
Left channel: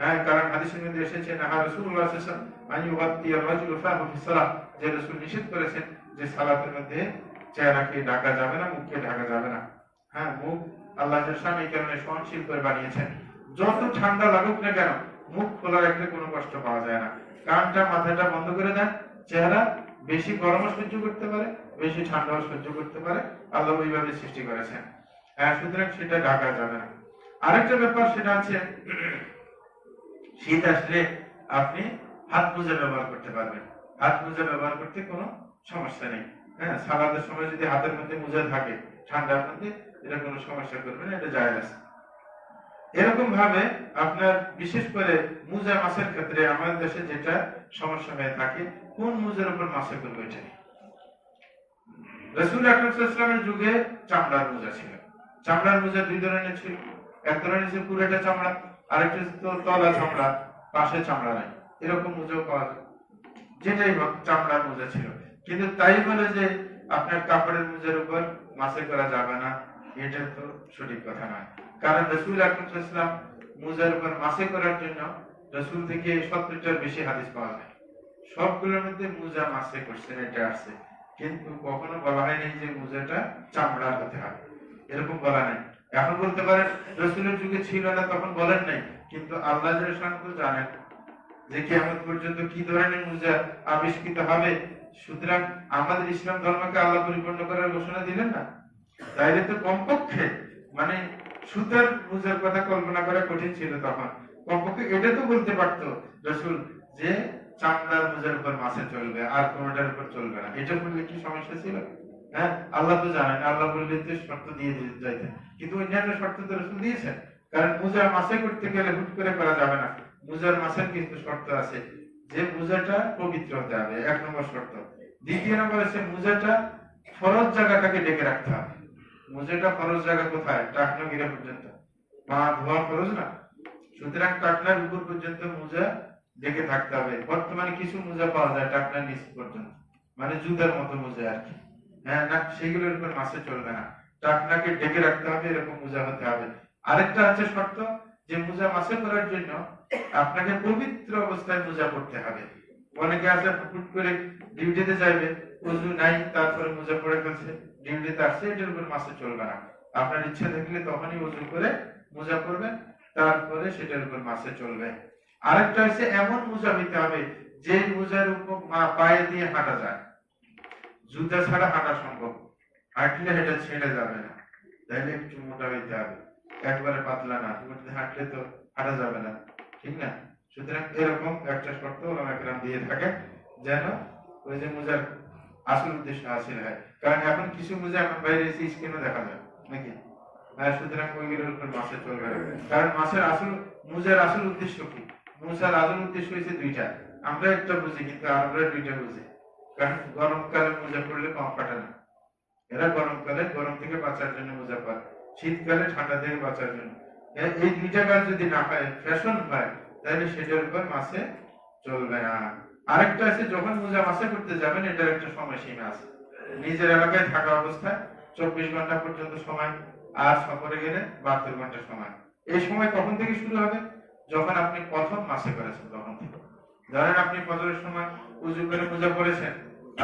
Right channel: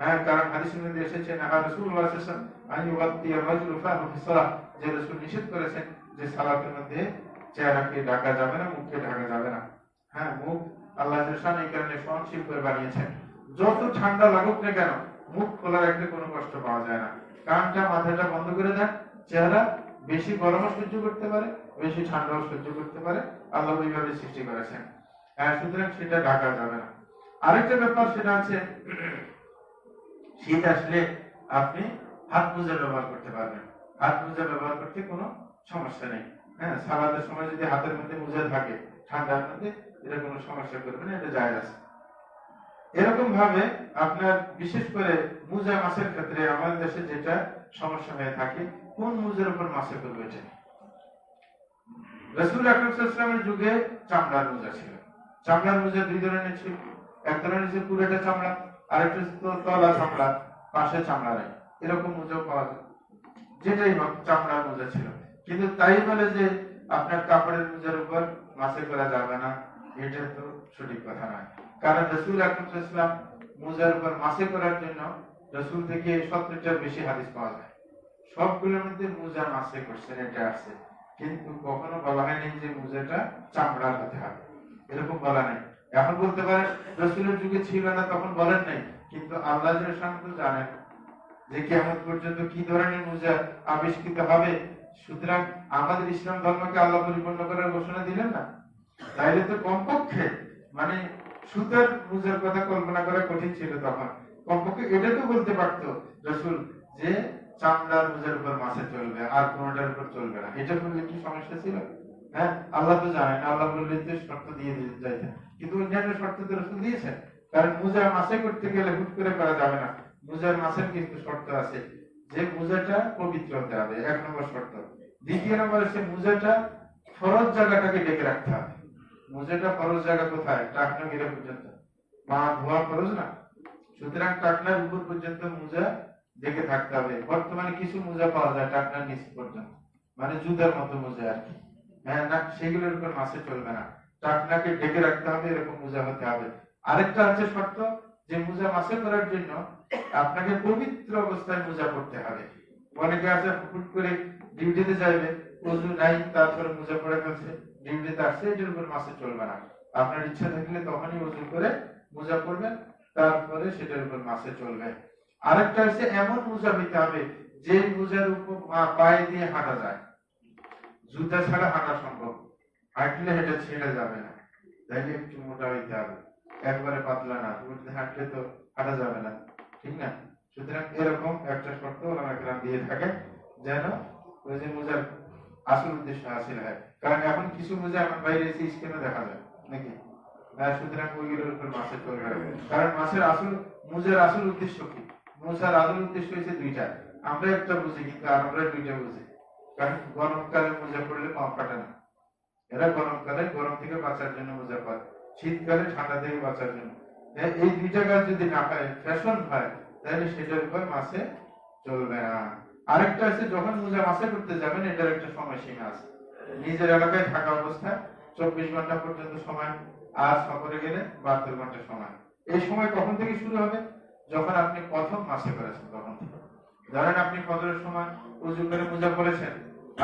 হ্যাঁ, কারণ হাদিসের মধ্যে এসেছে না রাসূলুল্লাহ সাল্লাল্লাহু আলাইহি ওয়াসাল্লাম আইয়ুবাত্তি রাজুল ফাহু ফি সালাহ, যে রাসূল নিষেধ করেছেন যে সালাতের মধ্যে চেহারাকে ঢাকা যাবে না, মুখকে ঢাকা যাবে না। হ্যাঁ, মুখ আল্লাহ এই কারণে সহনশীল করে বানিয়েছেন। যত ঠান্ডা লাগুক না কেন মুখ খোলা রাখলে কোনো কষ্ট পাওয়া যায় না। কানটা মাথাটা বন্ধ করে দেন, চেহারা বেশি গরমও সহ্য করতে পারে, বেশি ঠান্ডাও সহ্য করতে পারে, আল্লাহ ওইভাবে সৃষ্টি করেছেন। সুতরাং সেটা ঢাকা যাবে না। আরেকটা ব্যাপার সেটা আছে শীত আসলে আপনি হাত মোজা ব্যবহার করতে পারবেন। হাত মোজা ব্যবহার করতে কোনো সমস্যা নেই। হ্যাঁ, সালাদের সময় যদি হাতের মধ্যে মোজা থাকে ঠান্ডার মধ্যে, এটা কোনো সমস্যা করবে না, এটা জায়েজ আছে। এরকম ভাবে আপনার বিশেষ করে মোজা মাছের ক্ষেত্রে আমাদের দেশে যেটা সমস্যা হয়ে থাকে, কোন মোজার উপর মাছে করবে এটা। রাসূল আকরাম সাল্লাল্লাহু আলাইহি ওয়াসাল্লামের যুগে চামড়ার মোজা ছিল। চামড়ার মোজা দুই ধরনের ছিল, এক ধরনের ছিল পুরোটা চামড়া, আরেকটা তলা চামড়া, পাশে চামড়া নেই, এরকম মোজা পাওয়া যায়। যেটাই হোক চামড়ার মোজা ছিল। কিন্তু তাই বলে যে আপনার কাপড়ের মোজার উপর মাছে করা যাবে না, এটা তো সঠিক কথা নয়। কারণ রাসূল আকরাম সাল্লাল্লাহু আলাইহি ওয়াসাল্লাম মোজার উপর মাছে করার জন্য রাসূল থেকে 70টার বেশি হাদিস পাওয়া যায়। সবগুলোর মধ্যে মোজা মাছে করছেন, এটা আছে, কিন্তু কখনো বলা হয়নি যে মোজাটা চামড়ার হতে হবে, এরকম বলা নেই। এখন বলতে পারেন রাসূলের যুগে ছিল না তখন বলেন নাই, কিন্তু আল্লাহ জানেন যে কিয়ামত পর্যন্ত কি ধরনের মোজা আবিষ্কৃত হবে। সুতরাং আমাদের ইসলাম ধর্মকে আল্লাহ পরিপূর্ণ করার ঘোষণা দিলেন না, তাইলে তো কমপক্ষে মানে সুতার মোজার কথা কল্পনা করা কঠিন ছিল তখন। কমপক্ষে এটা তো বলতে পারতো রাসূল যে চামড়ার মোজার উপর মাছে চলবে, আর কোনটার উপর চলবে না। এটা বললে কি সমস্যা ছিল? হ্যাঁ, আল্লাহ তো জানেন, আল্লাহ বললে তো শর্ত দিয়ে যাইতেন, কিন্তু অন্যান্য শর্ত তো রাসূল দিয়েছেন। কারণ মোজা মাছে করতে গেলে হুট করে করা যাবে না, মোজার মাছের কিন্তু শর্ত আছে, যে মোজাটা পবিত্র হতে হবে, এক নম্বর শর্ত। দ্বিতীয় নম্বর হচ্ছে মোজাটা ফরজ জায়গাটাকে ঢেকে রাখতে হবে। মোজাটা ফরজ জায়গা কোথায়? টাকনা গিরা পর্যন্ত, পা ধোয়া ফরজ না, সুতরাং টাকনার উপর পর্যন্ত মোজা ঢেকে থাকতে হবে। বর্তমানে কিছু মোজা পাওয়া যায় টাকনার নিচ পর্যন্ত, মানে জুতার মতো মোজা আর কি। হ্যাঁ, না, সেগুলোর উপর মাছে চলবে না, টাকনাকে ঢেকে রাখতে হবে, এরকম মোজা হতে হবে। আরেকটা আছে শর্ত, যে মোজা মাছে করার জন্য আপনাকে পবিত্র অবস্থায় মোজা পড়তে হবে। অনেকে আছে হুট করে ডিউটিতে যাবে, ওযু নাই, তারপরে মোজা পরে ফেলছে, ডিউটিতে আসছে, এটার উপর মাছে চলবে না। আপনার ইচ্ছা থাকলে তখনই ওযু করে মোজা পরবেন, তারপরে সেটার উপর মাছে চলবে। আরেকটা হচ্ছে এমন মোজা হইতে হবে যে মোজার উপর পায়ে দিয়ে হাঁটা যায়, জুতা ছাড়া হাঁটা সম্ভব, হাঁটলে এটা ছেড়ে যাবে না, তাইলে একটু মোটা হইতে হবে, একবারে পাতলা না, হাঁটলে তো হাঁটা যাবে না, ঠিক না? সুতরাং এরকম একটা শর্ত ওলামায়ে দিয়ে থাকে, যেন ওই যে মোজার আসল উদ্দেশ্য হাসিল হয়। কারণ এখন কিছু মোজা এখন বাইরে এসে স্ক্রিনে দেখা যায় নাকি, সুতরাং ওইগুলোর উপর মাছে চলবে। কারণ মাছের আসল, মোজার আসল উদ্দেশ্য কি? মোজার আসল উদ্দেশ্য হচ্ছে দুইটা, আমরা একটা বুঝি কিন্তু আমরা দুইটা বুঝি। কারণ গরমকালে মোজা পরলে পা ফাটে না। এরা গরমকালে গরম থেকে বাঁচার জন্য মোজা পরে, শীতকালে ঠান্ডা থেকে বাঁচার জন্য। এই দুইটা কাজ যদি না হয়, ফ্যাশন হয়, তাহলে সেটার উপর মাসে চলবে না। আরেকটা আছে, যখন মোজা মাসে করতে যাবেন এটার একটা সময়সীমা আছে। নিজের এলাকায় থাকা অবস্থায় 24 ঘন্টা পর্যন্ত সময়, আর সফরে গেলে 72 ঘন্টা সময়। এই সময় কখন থেকে শুরু হবে? যখন আপনি প্রথম মাসে করেছেন তখন থেকে। ধরেন আপনি ফজরের সময় উজু করে মোজা পরেছেন,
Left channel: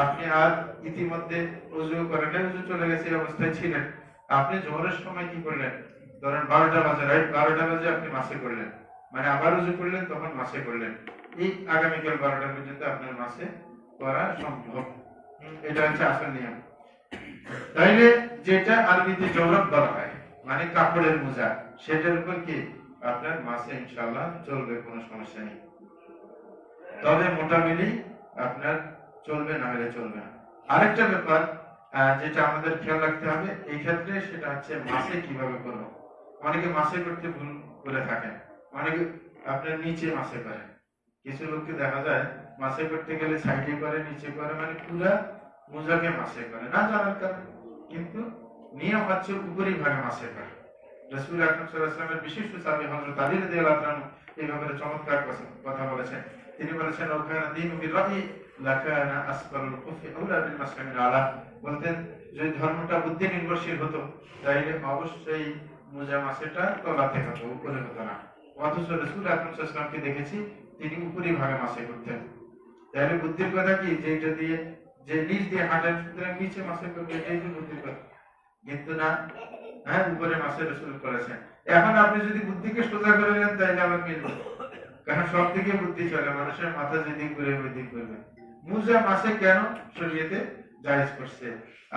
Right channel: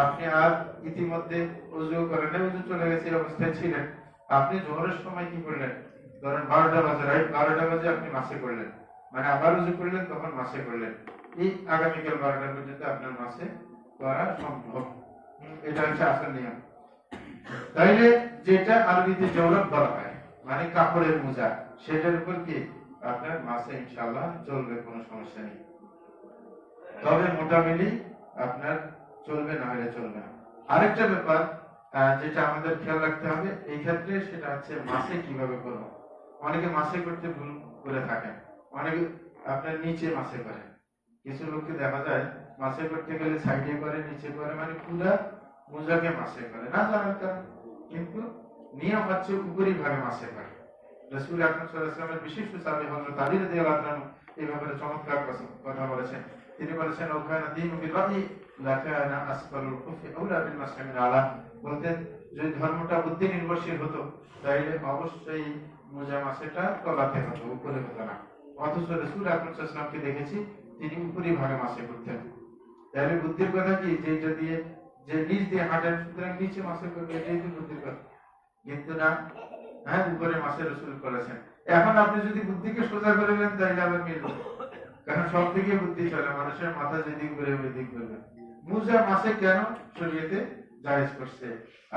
আপনি আর ইতিমধ্যে উজু করেন, উজু চলে গেছে এই অবস্থায় ছিলেন, আপনি জোহরের সময় কি করলেন? ধরেন 12টা বাজে, রাইট 12টা বাজে আপনি মাসে করলেন, মানে আবার উজু করলেন, তখন মাসে করলেন। এই আগামীকাল 12টা পর্যন্ত আপনার মাসে করা সম্ভব। এটা হচ্ছে আসল নিয়ম। তাইলে যেটা আরবিতে জওরাব বলা হয়, মানে কাপড়ের মোজা, সেটার উপর কি আপনার মাসে ইনশাআল্লাহ চলবে, কোনো সমস্যা নেই। তবে মোটামুটি আপনার চলবে, না হলে চলবে না। আরেকটা ব্যাপার যেটা আমাদের খেয়াল রাখতে হবে এই ক্ষেত্রে, সেটা হচ্ছে মাসে কিভাবে করব। অনেকে মাসে করতে ভুল করে থাকেন, অনেকে আপনার নিচে মাসে করে। কিছু লোককে দেখা যায় মাসে করতে গেলে সাইডে করে, নিচে করে, মানে পুরা মোজাকে মাসে করে, না জানার কারণে। কিন্তু নিয়ম হচ্ছে উপরি ভাগে মাসে করে। রাসূল আকরাম সাল্লাল্লাহু আলাইহি ওয়াসাল্লামের বিশিষ্ট সাহাবী হযরত আলী রাদিয়াল্লাহু তাআলা এই ব্যাপারে চমৎকার কথা বলেছেন। তিনি বলেছেন, ওখানে দীনু বির রাই লাকানা আসফালুল কুফি আউলা বিল মাসহামিল আলা। বলতেন, যদি ধর্মটা বুদ্ধি নির্ভরশীল হতো তাইলে অবশ্যই মোজা মাসেটা তলাতে হতো, উপরে হতো না। অথচ রাসূল আকরাম সাল্লাল্লাহু আলাইহি ওয়াসাল্লামকে দেখেছি তিনি উপরি ভাগে মাসে করতেন। তাহলে বুদ্ধির কথা কি, যে এটা দিয়ে, যে নিচ দিয়ে হাঁটেন, সুতরাং নিচে মাসে করবে, এটাই তো বুদ্ধির কথা। কিন্তু না, হ্যাঁ, উপরে মাসে রাসূল করেছেন। এখন আপনি যদি বুদ্ধিকে সোজা করে নেন তাইলে আবার মিলবে, কারণ সব দিকে বুদ্ধি চলে, মানুষের মাথা যেদিক করে ওই দিক করবে। মোজা মাসে কেন শরীয়তে জায়েজ করছে?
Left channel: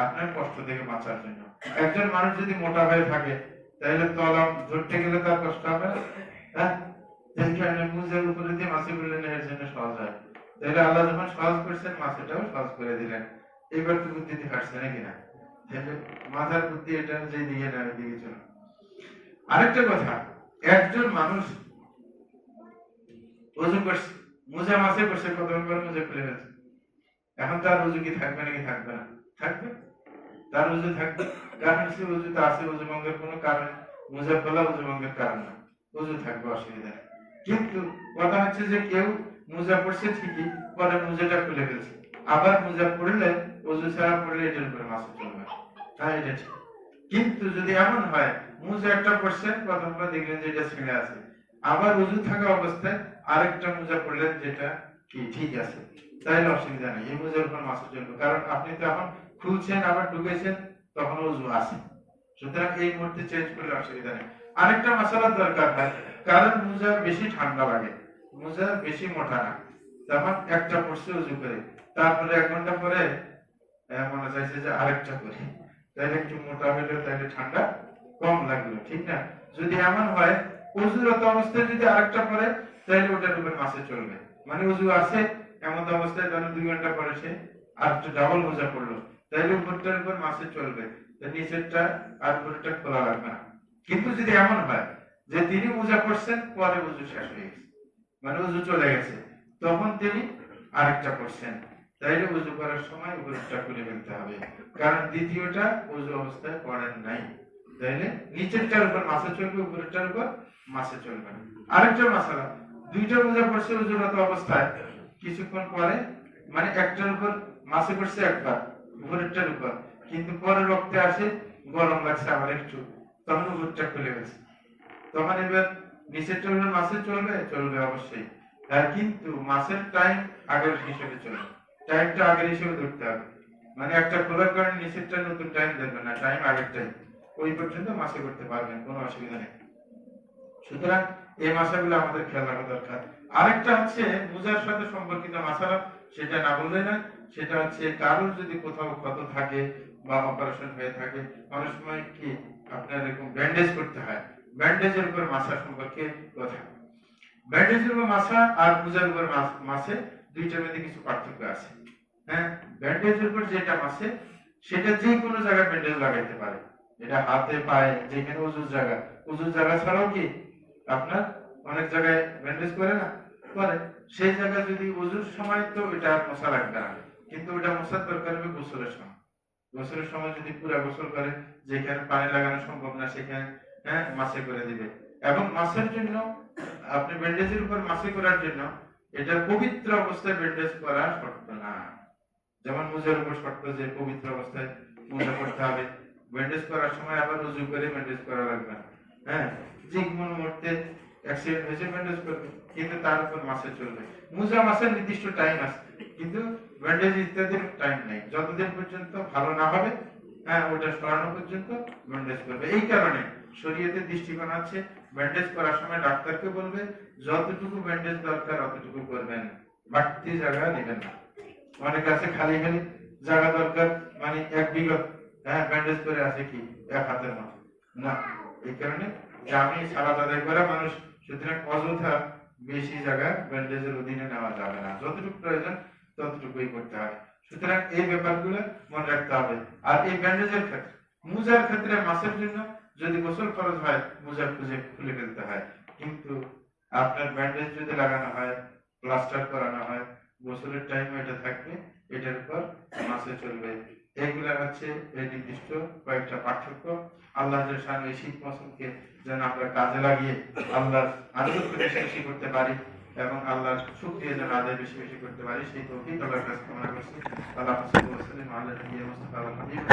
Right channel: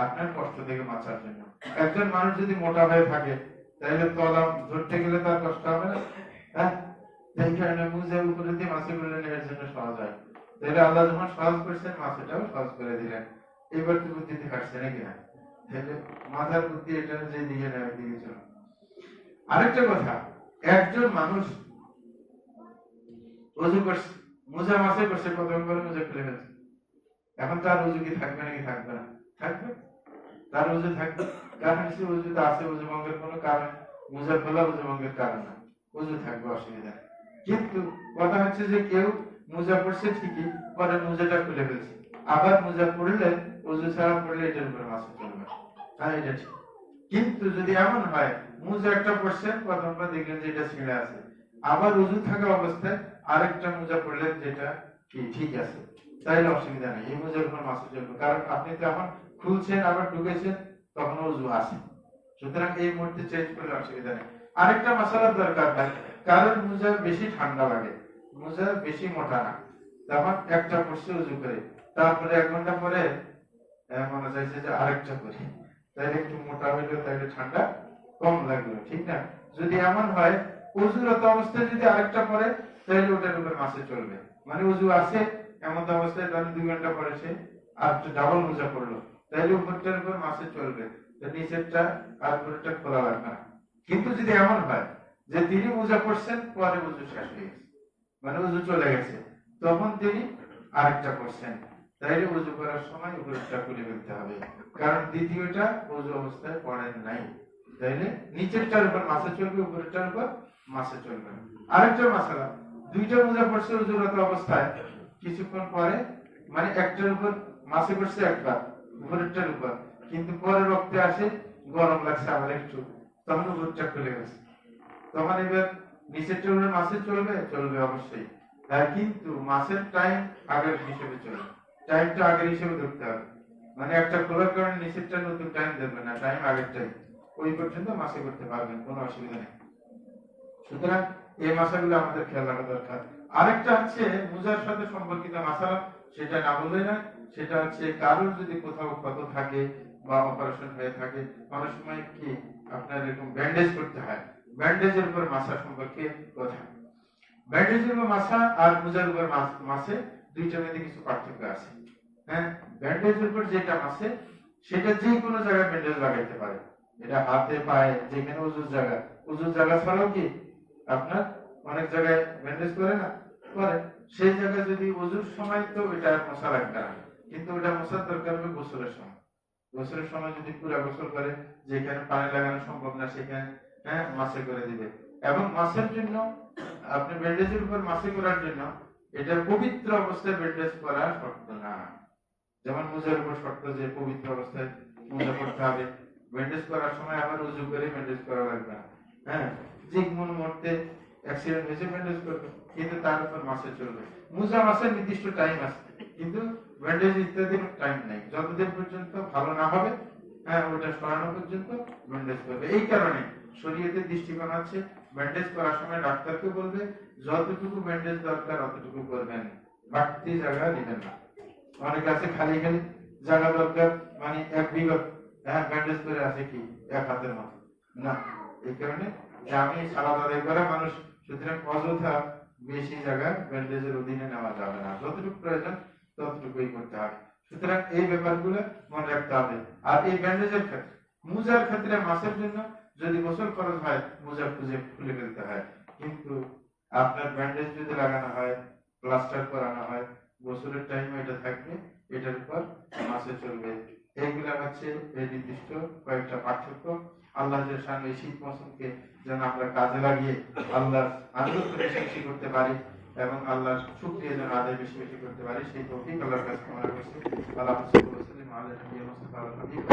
আপনার কষ্ট থেকে বাঁচার জন্য। একজন মানুষ যদি মোটা হয়ে থাকে তাহলে তলা ধরতে গেলে তার কষ্ট হবে না, হ্যাঁ? এই কারণে মোজা উপরে দিয়ে মাসে করলেন, এর জন্য সহজ হয়। তাহলে আল্লাহ যখন সহজ করছেন, মাসেটাও সহজ করে দিলেন। এইবার তো বুদ্ধিতে হাঁটছে নাকি না? মাথার বুদ্ধি এটা যে দিকে না দিকে চলো। আরেকটা কথা, একজন মানুষ ওযু করছে, মোজা মাসে করছে, কতক্ষণ পরে মোজা খুলে ফেলছে, এখন তার ওযু কি থাকবে নাকি থাকবে না? থাকবে, তার ওযু থাকবে। কারণ সে ওযুতে আছে, ওযু ভঙ্গের কোনো কারণ, মোজা খোলা ওযু ভঙ্গের কারণ না, ওযু থাকবে, অসুবিধা নেই। কিন্তু কথা হচ্ছে যে কেউ মোজা পড়ছে ঠিকই, পরে মোজাটা খুলে ফেলছে, আবার মোজা পড়লে, ওযু ছাড়া পড়লে এটার উপরে মাসে চলবে, হ্যাঁ এটা ঠিক। কিন্তু যদি এমন হয় মোজা একটা পড়ছেন, প্রথমটা দেখলেন যে এটা ছিঁড়ে আছে, আবার ওযু থাকা অবস্থায় আরেকটা মোজা পড়লেন যেটা কি ঠিক আছে, তাইলে অসুবিধা নেই, এই মোজার উপর মাসে চলবে। কারণ আপনি তো এখন খুলছেন আবার ঢুকেছেন, তখন ওযু আছে, সুতরাং এই মুহূর্তে চেঞ্জ করলে অসুবিধা নেই। আরেকটা মাসালার দরকার হয়, কারণ মোজা বেশি ঠান্ডা লাগে, মোজা বেশি মোটা না, তখন একটা পড়ছে ওযু করে, তারপরে 1 ঘন্টা পরে মনে চাইছে যে আরেকটা করি, তাহলে একটু মোটা হইলে তাহলে ঠান্ডা কম লাগলো, ঠিক না? যদি এমন হয় ওযুরত অবস্থায় যদি আরেকটা পরে, তাহলে ওটার উপর মাসে চলবে। মানে ওযু আছে, এমন অবস্থায় ধরেন 2 ঘন্টা পরে সে আর একটা ডাবল মোজা পড়লো, তাহলে উপরটার উপর মাসে চলবে, নিচেরটা আর উপরটা খোলা রাখবে না। কিন্তু যদি এমন হয় যে তিনি মোজা পড়ছেন, পরে ওযু শেষ হয়ে গেছে, মানে ওযু চলে গেছে, তখন তিনি আরেকটা পড়ছেন, তাইলে ওযু করার সময় উপরটা খুলে ফেলতে হবে, কারণ দ্বিতীয়টা ওযু অবস্থায় পড়েন নাই। তাইলে নিচেরটার উপর মাসে চলবে, উপরেরটার উপর মাসে চলবে না। আরেকটা মাসালা, দুইটা মোজা পড়ছে ওযুরত অবস্থায়, কিছুক্ষণ পরে, মানে একটার উপর মাসে পড়ছে একবার, উপরেরটার উপর, কিন্তু পরের রক্তে আসে গরম লাগছে আবার একটু, তখন উপরটা খুলে গেছে, তখন এবার নিচেরটার উপর মাসে চলবে, চলবে অবশ্যই। কিন্তু মাসের টাইম আগের হিসেবে চলবে, টাইমটা আগের হিসেবে ধরতে হবে, মানে একটা খোলার কারণে নিচেরটা নতুন টাইম দেবে না, টাইম আগের টাইম, ওই পর্যন্ত মাসে করতে পারবেন, কোনো অসুবিধা নেই। সুতরাং এই মাসাগুলো আমাদের খেয়াল রাখা দরকার। আরেকটা হচ্ছে মোজার সাথে সম্পর্কিত মাসালা, সেটা না বললে না, সেটা হচ্ছে কারোর যদি কোথাও ক্ষত থাকে বা অপারেশন হয়ে থাকে, অনেক সময় কি আপনার এরকম ব্যান্ডেজ করতে হয়, ব্যান্ডেজের উপর মাসা সম্পর্কে কথা। ব্যান্ডেজের উপর মাসা আর মোজার উপর মাসে দুইটার মধ্যে কিছু পার্থক্য আছে। হ্যাঁ, ব্যান্ডেজের উপর যেটা মাসে, সেটা যে কোনো জায়গায় ব্যান্ডেজ লাগাইতে পারে, এটা হাতে পায়ে যেখানে ওযুর জায়গা, ওযুর জায়গা ছাড়াও কি আপনার অনেক জায়গায় ব্যান্ডেজ করে না, করে, সেই জায়গা যদি ওযুর সময়, তো এটা আর মশা লাগবে না, কিন্তু ওটা মোছার দরকার হবে গোসলের সময়। গোসলের সময় যদি পুরা গোসল করে, যেখানে পানি লাগানো সম্ভব না সেখানে মাসে করে দিবে। এবং মাসের জন্য আপনি ব্যান্ডেজের উপর মাসে করার জন্য এটা পবিত্র অবস্থায় ব্যান্ডেজ করা শর্ত না। যেমন মোজার উপর শর্ত যে পবিত্র অবস্থায় মোজা করতে হবে, ব্যান্ডেজ করার সময় আবার উজু করে ব্যান্ডেজ করা লাগবে না। যে কোনো মুহূর্তে অ্যাক্সিডেন্ট হয়েছে ব্যান্ডেজ করবে, কিন্তু তার উপর মাসে চলবে। মোজা মাসের নির্দিষ্ট টাইম আছে, কিন্তু ব্যান্ডেজ ইত্যাদির টাইম নেই। যতদিন পর্যন্ত ভালো না হবে ওটা সরানো পর্যন্ত ব্যান্ডেজ করবে। এই কারণে শরীয়তের দৃষ্টিকোণ আছে, ব্যান্ডেজ করার সময় ডাক্তারকে বলবে যতটুকু ব্যান্ডেজ দরকার অতটুকু করবেন, বাড়তি জায়গা নেবেন না। অনেক আছে খালি খালি জায়গা দরকার, মানে এক বিঘত ব্যান্ডেজ করে আছে কি এক হাতের মতো না। এই কারণে যে আমি সালাত আদায় করা মানুষ, সুতরাং অযথা বেশি জায়গা ব্যান্ডেজের অধীনে নেওয়া যাবে না, যতটুকু প্রয়োজন ততটুকুই করতে হবে। সুতরাং এই ব্যাপারগুলো মনে রাখতে হবে। আর এই ব্যান্ডেজের ক্ষেত্রে, মোজার ক্ষেত্রে মাসের জন্য যদি গোসল ফরজ হয় মোজা খুঁজে খুলে ফেলতে হয়, কিন্তু আপনার ব্যান্ডেজ যদি লাগানো হয়, প্লাস্টার করানো হয়, গোসলের টাইম এটা থাকবে, এটার উপর মাসে চলবে। এইগুলা হচ্ছে এই নির্দিষ্ট কয়েকটা পার্থক্য। আল্লাহ এই শীত মৌসুমকে যেন আমরা কাজে লাগিয়ে আল্লাহর আনুগত্য বেশি বেশি করতে পারি এবং আল্লাহর শুকরিয়া যেন আদায় বেশি বেশি করতে পারি, সেই তৌফিক আল্লাহর কাছে কামনা করছি। আল্লাহ সাল্লাল্লাহু আলাইহি ওয়াসাল্লাম আল্লাহ নবী মুস্তাফা আল হাবিব